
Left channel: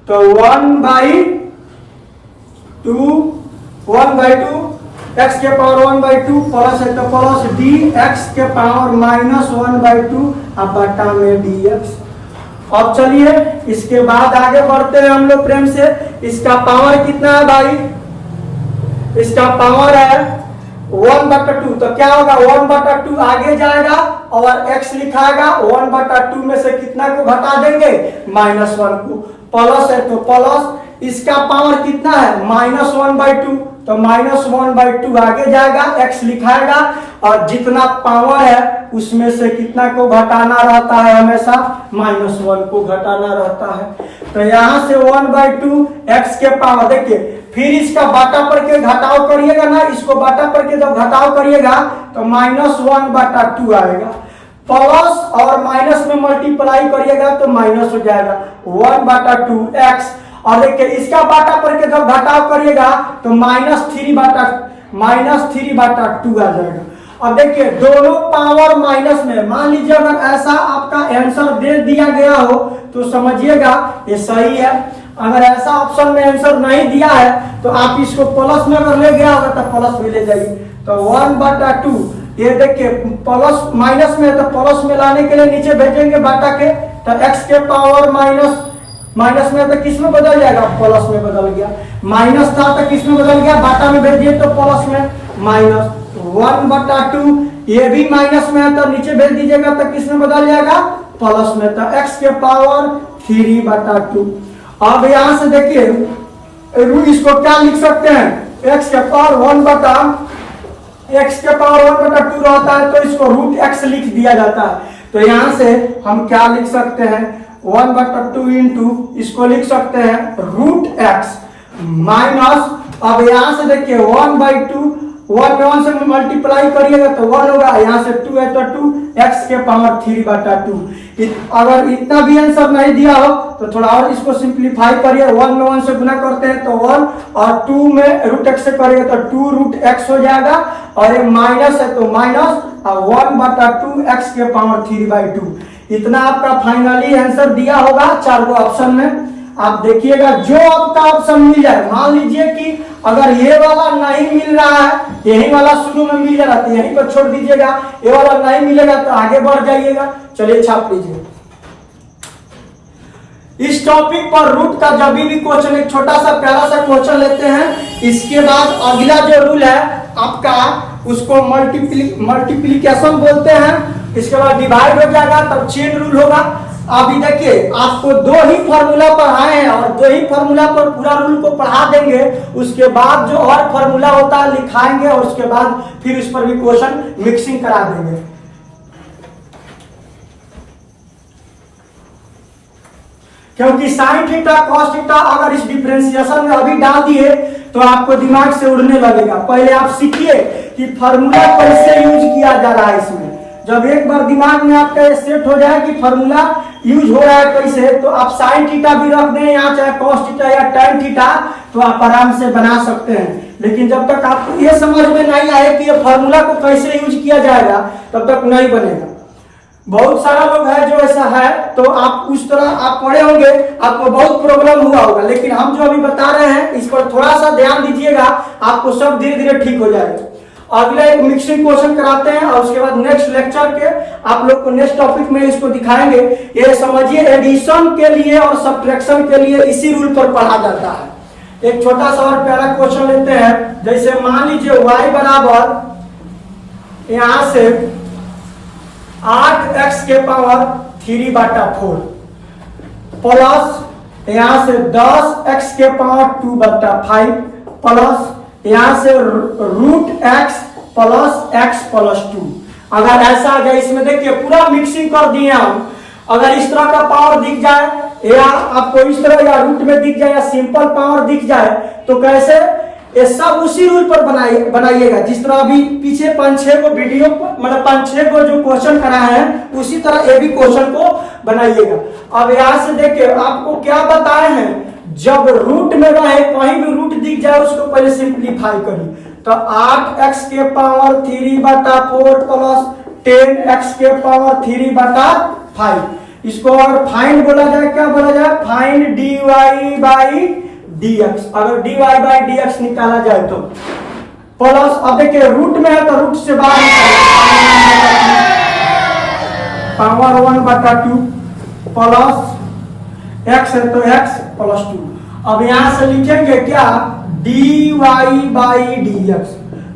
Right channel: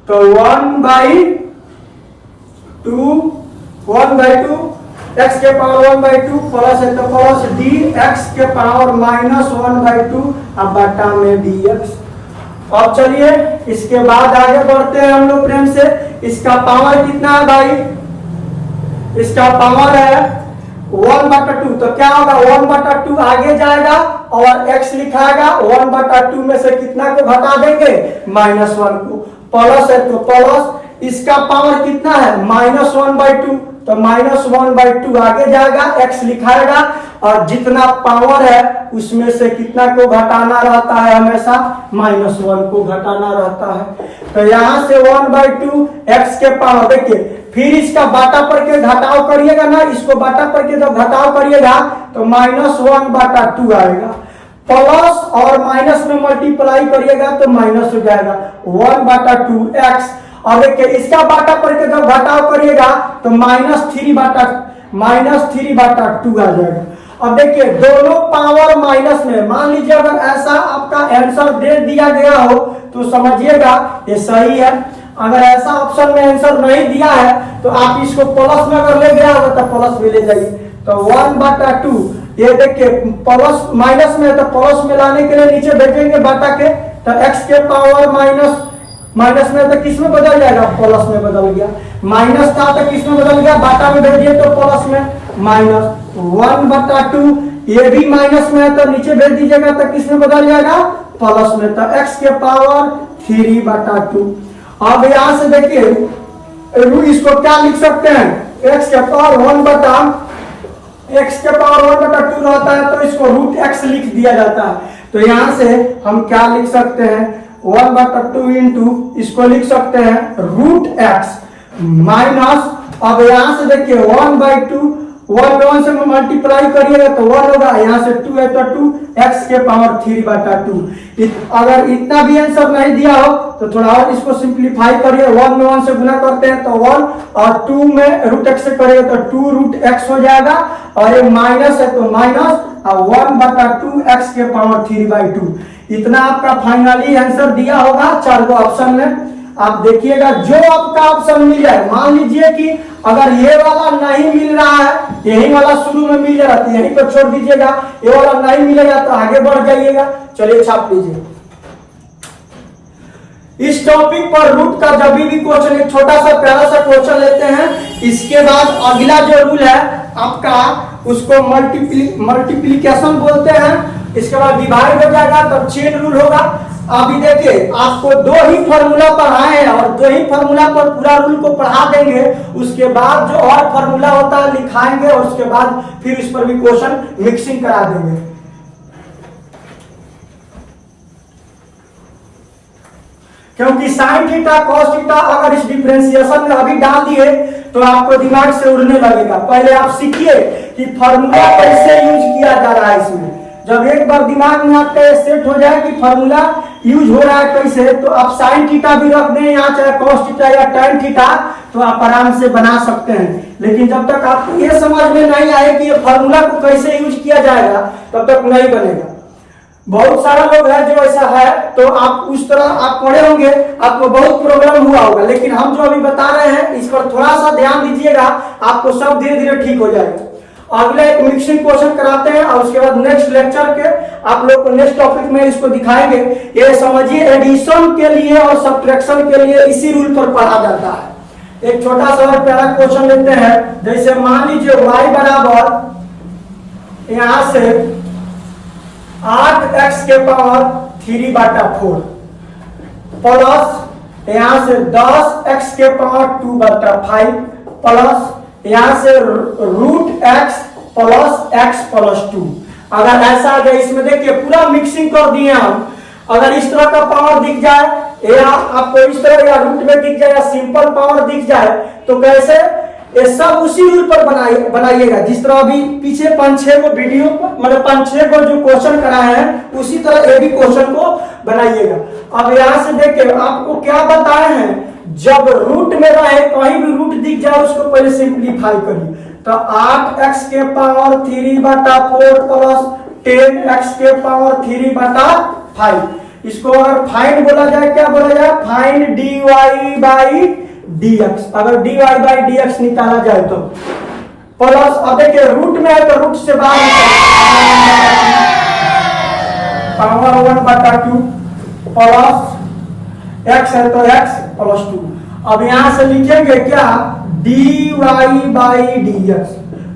तो 1/2 x के पावर 1/2 प्लस है तो प्लस dx के पावर -1/2 अब बट्टा में dx। अब चलिए इसके बाद आगे बढ़ते हैं हम लोग प्रेम से। इसका पावर कितना है भाई, इसका पावर है 1/2, तो क्या होगा 1/2 आगे जाएगा और x लिखाएगा 1/2 में से कितना को घटा देंगे -1 को, प्लस है तो प्लस, इसका पावर कितना है -1/2, तो -1/2 आगे जाएगा, x लिखाएगा और जितना पावर है उसमें से कितना को घटाना रहता है, हमेशा -1 को घटाना रहता है। तो यहां से 1/2 x के पावर, देखिए फिर इसका बाटा पर के घटाव करिएगा ना, इसको बाटा पर के जब घटाव करिएगा तो -1/2 आएगा, प्लस और माइनस में मल्टीप्लाई करिएगा तो माइनस हो जाएगा 1/2x, और देखिए इसका बाटा पर के जब घटाव करिएगा तो -3/2 आ जाएगा। अब देखिए दोनों पावर माइनस में, मान लीजिए अगर ऐसा आपका आंसर दे दिया गया हो तो समझिएगा ये सही है, अगर ऐसा ऑप्शन में आंसर नहीं दिया है तो आप इसको प्लस में अगर ले गया होगा तो प्लस में ले जाइए। तो 1/2 ये देखिए प्लस माइनस में, तो प्लस में लाने के लिए नीचे भेजेंगे बाटा के, तो x के पावर माइनस में तो किस में बदल जाएगा, प्लस में बदल गया, माइनस था तो किस में बदल गया, बाटा में भेज दिए तो प्लस में, -1/2 ये भी माइनस में है तो नीचे भेज दीजिएगा तो किस में बदल जाएगा, प्लस में, तो x के पावर 3/2। अब यहां से देखिए इसको क्या लिख सकते हैं, x के पावर 1/2 रहता है तो इसको √x लिख दिया जाता है। तो यहां से हम क्या लिख सकते हैं, 1/2 इंटू इसको लिख सकते हैं √x माइनस, अब यहां से देखिए 1/2, 1 में 1 से मल्टीप्लाई करिएगा तो 1 होगा, यहाँ से 2 है तो 2, x के पावर 3/2। अगर इतना भी आंसर नहीं दिया हो तो थोड़ा और इसको सिंप्लीफाई करिए, 1 में 1 से गुना करते हैं तो 1, और 2 में √x से करिए तो 2√x हो जाएगा, और ये माइनस है तो माइनस, और 1/2 x के पावर 3/2। इतना आपका फाइनली आंसर दिया होगा 4 गो ऑप्शन में। आप देखिएगा जो आपका ऑप्शन मिल जाए, मान लीजिए कि अगर ये वाला नहीं मिल रहा है, यही वाला शुरू में मिल जा रहा है यहीं पर छोड़ दीजिएगा, ये वाला नहीं मिलेगा तो आगे बढ़ जाइएगा। चलिए छाप लीजिए। इस टॉपिक पर रूट का जब भी क्वेश्चन, एक छोटा सा प्यारा सा क्वेश्चन लेते हैं, इसके बाद अगला जो रूल है आपका उसको मल्टीप्लीकेशन बोलते हैं, इसके बाद डिवाइड हो जाएगा तब चेन रूल होगा। अभी देखिए आपको 2 ही फॉर्मूला पढ़ाए हैं और 2 ही फॉर्मूला पर पूरा रूल को पढ़ा देंगे, उसके बाद जो और फॉर्मूला होता है लिखाएंगे और उसके बाद फिर इस पर भी क्वेश्चन मिक्सिंग करा देंगे। क्योंकि साइन थीटा कॉस थीटा अगर इस डिफरेंशिएशन में अभी डाल दिए तो आपको दिमाग से उड़ने लगेगा। पहले आप सीखिए कि फॉर्मूला कैसे यूज किया जा रहा है इसमें, जब एक बार दिमाग में आपका सेट हो जाए कि फॉर्मूला यूज हो रहा है कैसे, तो आप साइन थीटा भी रख दें यहाँ, चाहे कॉस थीटा या टैन थीटा, तो आप आराम से बना सकते हैं। लेकिन जब तक आपको ये समझ में नहीं आए कि ये फॉर्मूला को कैसे यूज किया जाएगा तब तक नहीं बनेगा। बहुत सारा लोग है जो ऐसा है, तो आप उस तरह आप पढ़े होंगे, आपको बहुत प्रॉब्लम हुआ होगा, लेकिन हम जो अभी बता रहे हैं इस पर थोड़ा सा ध्यान दीजिएगा, आपको सब धीरे धीरे ठीक हो जाएगा। अगला एक मिक्सिंग क्वेश्चन कराते हैं और उसके बाद नेक्स्ट लेक्चर के आप लोग को नेक्स्ट टॉपिक में इसको दिखाएंगे। ये समझिए एडिशन के लिए और सब्ट्रैक्शन के लिए इसी रूल पर पढ़ा जाता है। एक छोटा सा और प्यारा क्वेश्चन लेते हैं, जैसे मान लीजिए y बराबर यहां से 8x के पावर 3/4 प्लस यहां से 10x के पावर 2/5 प्लस यहां से √x प्लस x प्लस 2। अगर ऐसा आ जाए, इसमें देखिए पूरा मिक्सिंग कर दिए हम, अगर इस तरह का पावर दिख जाए या आपको इस तरह या रूट में दिख जाए या सिंपल पावर दिख जाए तो कैसे, ये सब उसी रूल पर बनाइएगा जिस तरह अभी पीछे 5-6 को वीडियो मतलब 5-6 को जो क्वेश्चन कराए हैं उसी तरह ये भी क्वेश्चन को बनाइएगा। अब यहां से देखिए आपको क्या बताए हैं, जब रूट में रहे कहीं भी रूट दिख जाए उसको पहले सिंप्लीफाई करिए, तो 8x के पावर 3/4 प्लस 10x के पावर 3/5, इसको अगर फाइंड बोला जाए, क्या बोला जाए, फाइंड dy/dx। अगर dy/dx निकाला जाए तो प्लस, अब देखिए रूट में है तो रूट से बाहर पावर 1/2 प्लस x है तो x प्लस 2। अब यहां से लिखेंगे क्या dy/dx,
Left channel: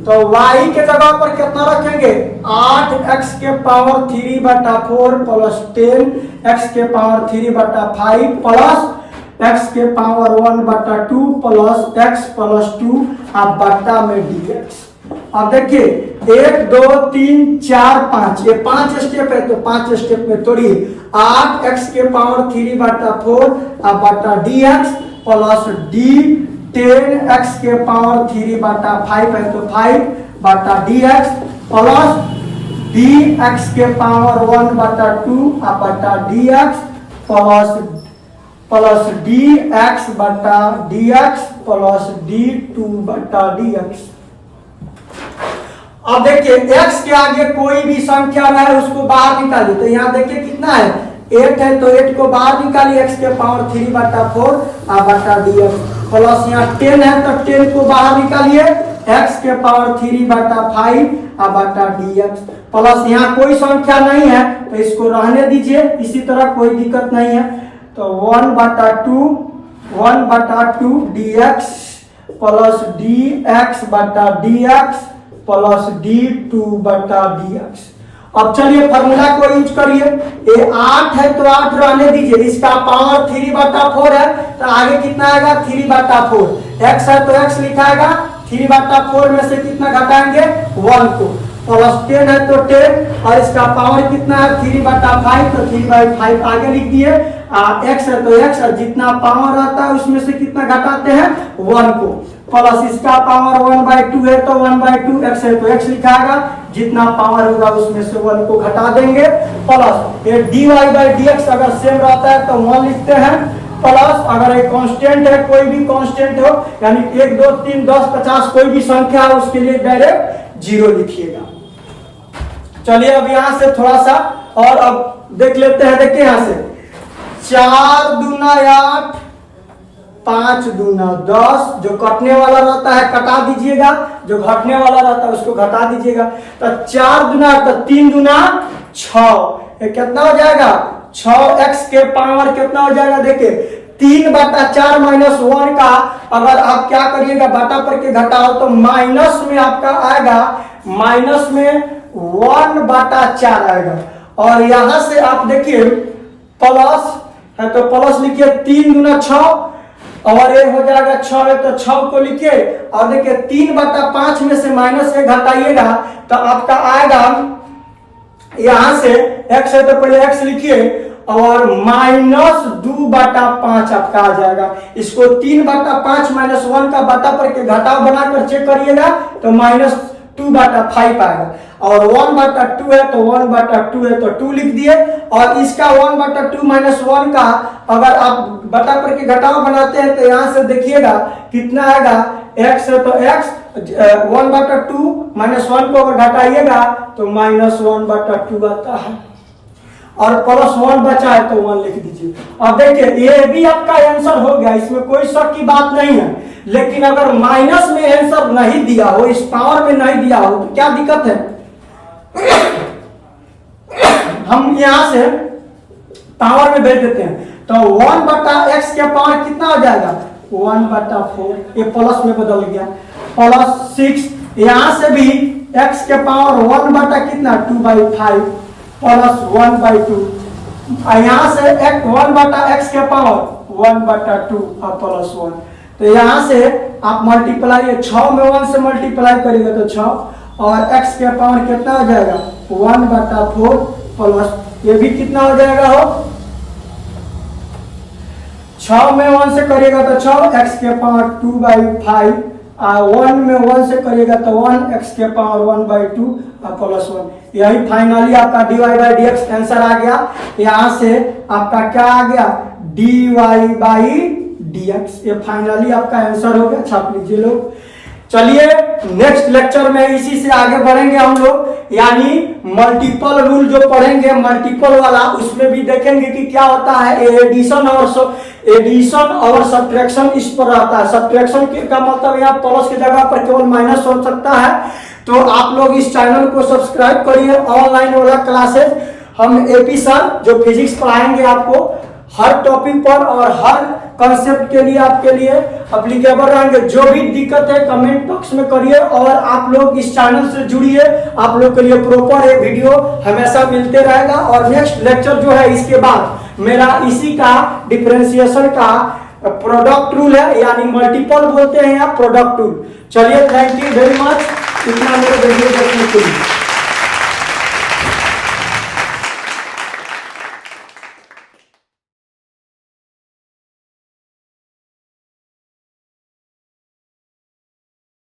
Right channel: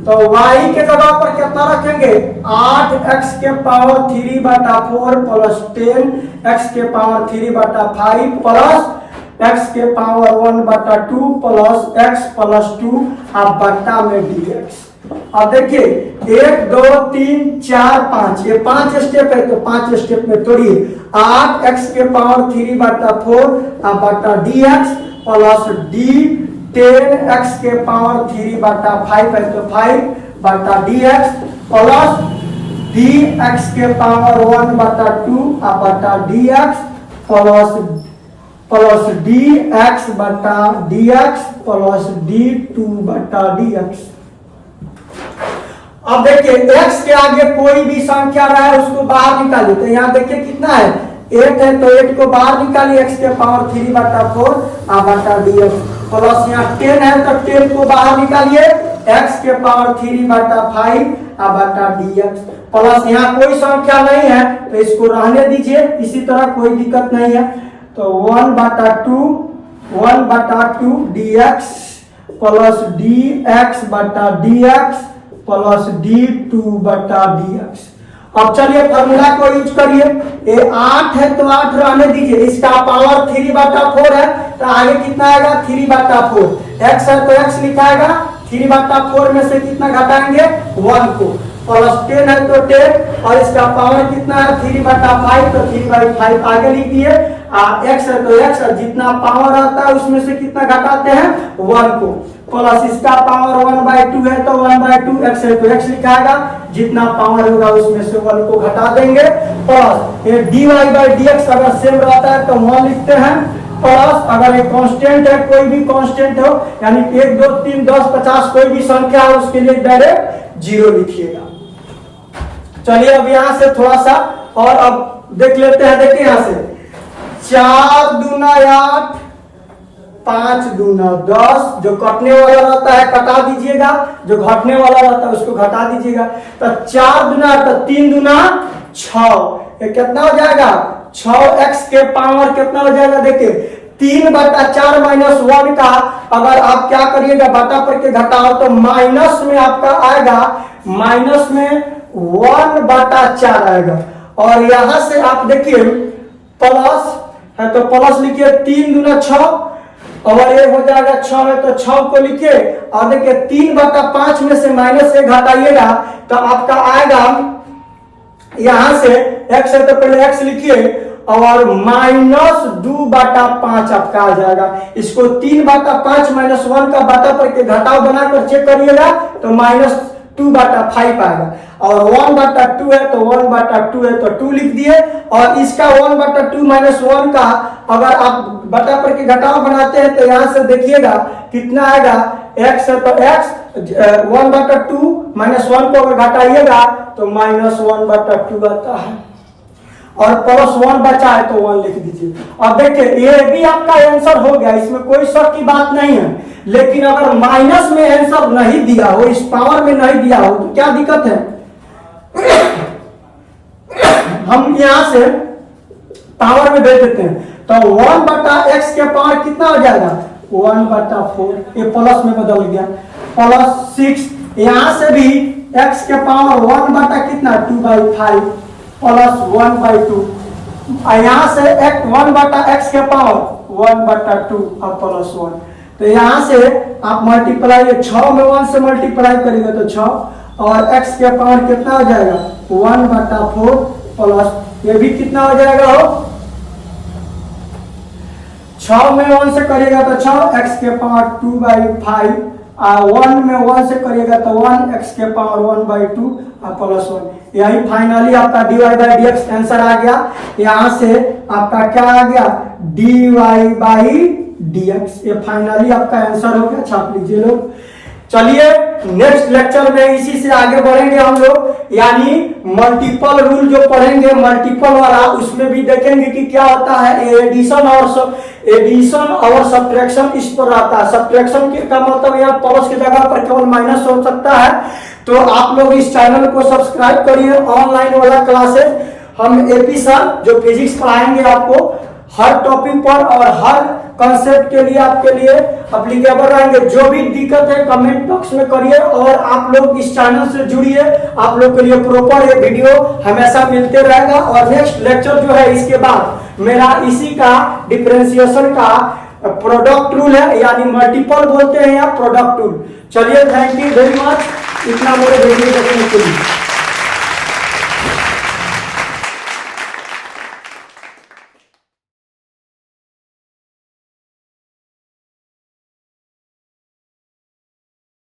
तो y के जगह पर कितना रखेंगे 8x के पावर 3/4 प्लस 10x के पावर 3/5 प्लस x के पावर 1/2 प्लस x प्लस 2 अब बट्टा में dx। अब देखिए 1 2 3 4 5 ये 5 स्टेप है, तो 5 स्टेप में तोड़िए 8x के पावर 3/4 अब बट्टा dx प्लस d 10x के पावर 3/5 है, तो 5/dx प्लस dx के पावर 1/2 अब बट्टा dx plus dx/dx plus d2/dx। अब देखिए x के आगे कोई भी संख्या रहे उसको बाहर निकालिए, तो यहाँ देखिए कितना है 8 है, तो 8 को बाहर निकालिए x के पावर 3/4 बट्टा dx प्लस यहाँ 10 है, तो 10 को बाहर निकालिए x के पावर 3/5 बट्टा dx प्लस यहाँ कोई संख्या नहीं है तो इसको रहने दीजिए, इसी तरह कोई दिक्कत नहीं है, तो 1/2 dx plus dx/dx plus d2/dx। अब चलिए फॉर्मूला को यूज करिए, ये 8 है तो 8 रहने दीजिए, इसका पावर 3/4 है तो आगे कितना आएगा 3/4, x है तो x लिखाएगा 3/4 में से कितना घटाएंगे 1 को, प्लस 10 है तो 10 और इसका पावर कितना है 3/5 तो 3/5 आगे लिख दिए, x है तो x और जितना पावर आता है उसमें से कितना घटाते हैं 1 को, प्लस इसका पावर 1/2 है तो 1/2 x है तो x लिखाएगा, जितना पावर होगा उसमें से 1 को घटा देंगे, प्लस ये dy/dx अगर सेम रहता है तो 1 लिखते हैं, प्लस अगर एक कांस्टेंट है कोई भी कांस्टेंट हो यानी 1 2 3 10 50 कोई भी संख्या हो उसके लिए डायरेक्ट 0 लिखिएगा। चलिए अब यहां से थोड़ा सा और अब देख लेते हैं, देखिए यहां से 4 दूना 8 5 दूना 10, जो कटने वाला रहता है कटा दीजिएगा, जो घटने वाला रहता है उसको घटा दीजिएगा, तो 4 दूना तो 3 दूना 6, ये कितना हो जाएगा 6x के पावर कितना हो जाएगा, देखिए 3/4 माइनस 1 का अगर आप क्या करिएगा बटा पर के घटाओ तो माइनस में आपका आएगा, माइनस में 1/4 आएगा, और यहां से आप देखिए प्लस है तो प्लस लिखिए 3 दूना 6 और ये हो जाएगा 6 है तो 6 को लिखिए, और देखिए 3/5 में से माइनस 1 घटाइएगा तो आपका आएगा यहां से x है तो पहले x लिखिए और -2/5 आपका आ जाएगा, इसको 3/5 माइनस 1 का बटा पर के घटाव बनाकर चेक करिएगा तो -2/5 आएगा, और 1/2 है तो 1/2 है तो 2 लिख दिए, और इसका 1/2 माइनस 1 का अगर आप बटा पर के घटाव बनाते हैं तो यहां से देखिएगा कितना आएगा, x है तो x 1/2 माइनस 1 को अगर घटाइएगा तो -1/2 आता है, और प्लस 1 बचा है तो 1 लिख दीजिए। अब देखिए ये भी आपका आंसर हो गया, इसमें कोई शक की बात नहीं है, लेकिन अगर माइनस में आंसर नहीं दिया हो, इस पावर में नहीं दिया हो तो क्या दिक्कत है, हम यहां से पावर में भेज देते हैं, तो 1/x के पावर कितना हो जाएगा 1/4, ये प्लस में बदल गया, प्लस 6, यहां से भी x के पावर 1 कितना 2/5 प्लस 1/2, यहां से 1/x के पावर 1/2 और प्लस 1, तो यहां से आप मल्टीप्लाई 6 में 1 से मल्टीप्लाई करेंगे तो 6, और x के पावर कितना हो जाएगा 1/4 प्लस ये भी कितना हो जाएगा हो 6 में 1 से करेगा तो 6, x के पावर 2/5, 1 में 1 से करिएगा तो 1, x के पावर 1/2 और प्लस 1, यही फाइनली आपका dy/dx आंसर आ गया। यहां से आपका क्या आ गया dy/dx, ये फाइनली आपका आंसर हो गया, छाप लीजिए लोग। चलिए नेक्स्ट लेक्चर में इसी से आगे बढ़ेंगे हम लोग, यानी मल्टीपल रूल जो पढ़ेंगे मल्टीपल वाला, उसमें भी देखेंगे कि क्या होता है एडिशन और सब्ट्रैक्शन इस पर रहता है। सब्ट्रैक्शन का मतलब यहाँ प्लस की जगह पर केवल माइनस हो सकता है, तो आप लोग इस चैनल को सब्सक्राइब करिए। ऑनलाइन वाला क्लासेस हम एपी सर जो फिजिक्स पढ़ाएंगे आपको हर टॉपिक पर और हर कॉन्सेप्ट के लिए आपके लिए अप्लीकेबल रहेंगे। जो भी दिक्कत है कमेंट बॉक्स में करिए और आप लोग इस चैनल से जुड़िए, आप लोग के लिए प्रॉपर ये वीडियो हमेशा मिलते रहेगा। और नेक्स्ट लेक्चर जो है इसके बाद मेरा इसी का डिफरेंशिएशन का प्रोडक्ट रूल है, यानी मल्टीपल बोलते हैं या प्रोडक्ट रूल। चलिए, थैंक यू वेरी मच इतना मेरे वीडियो देखने के लिए।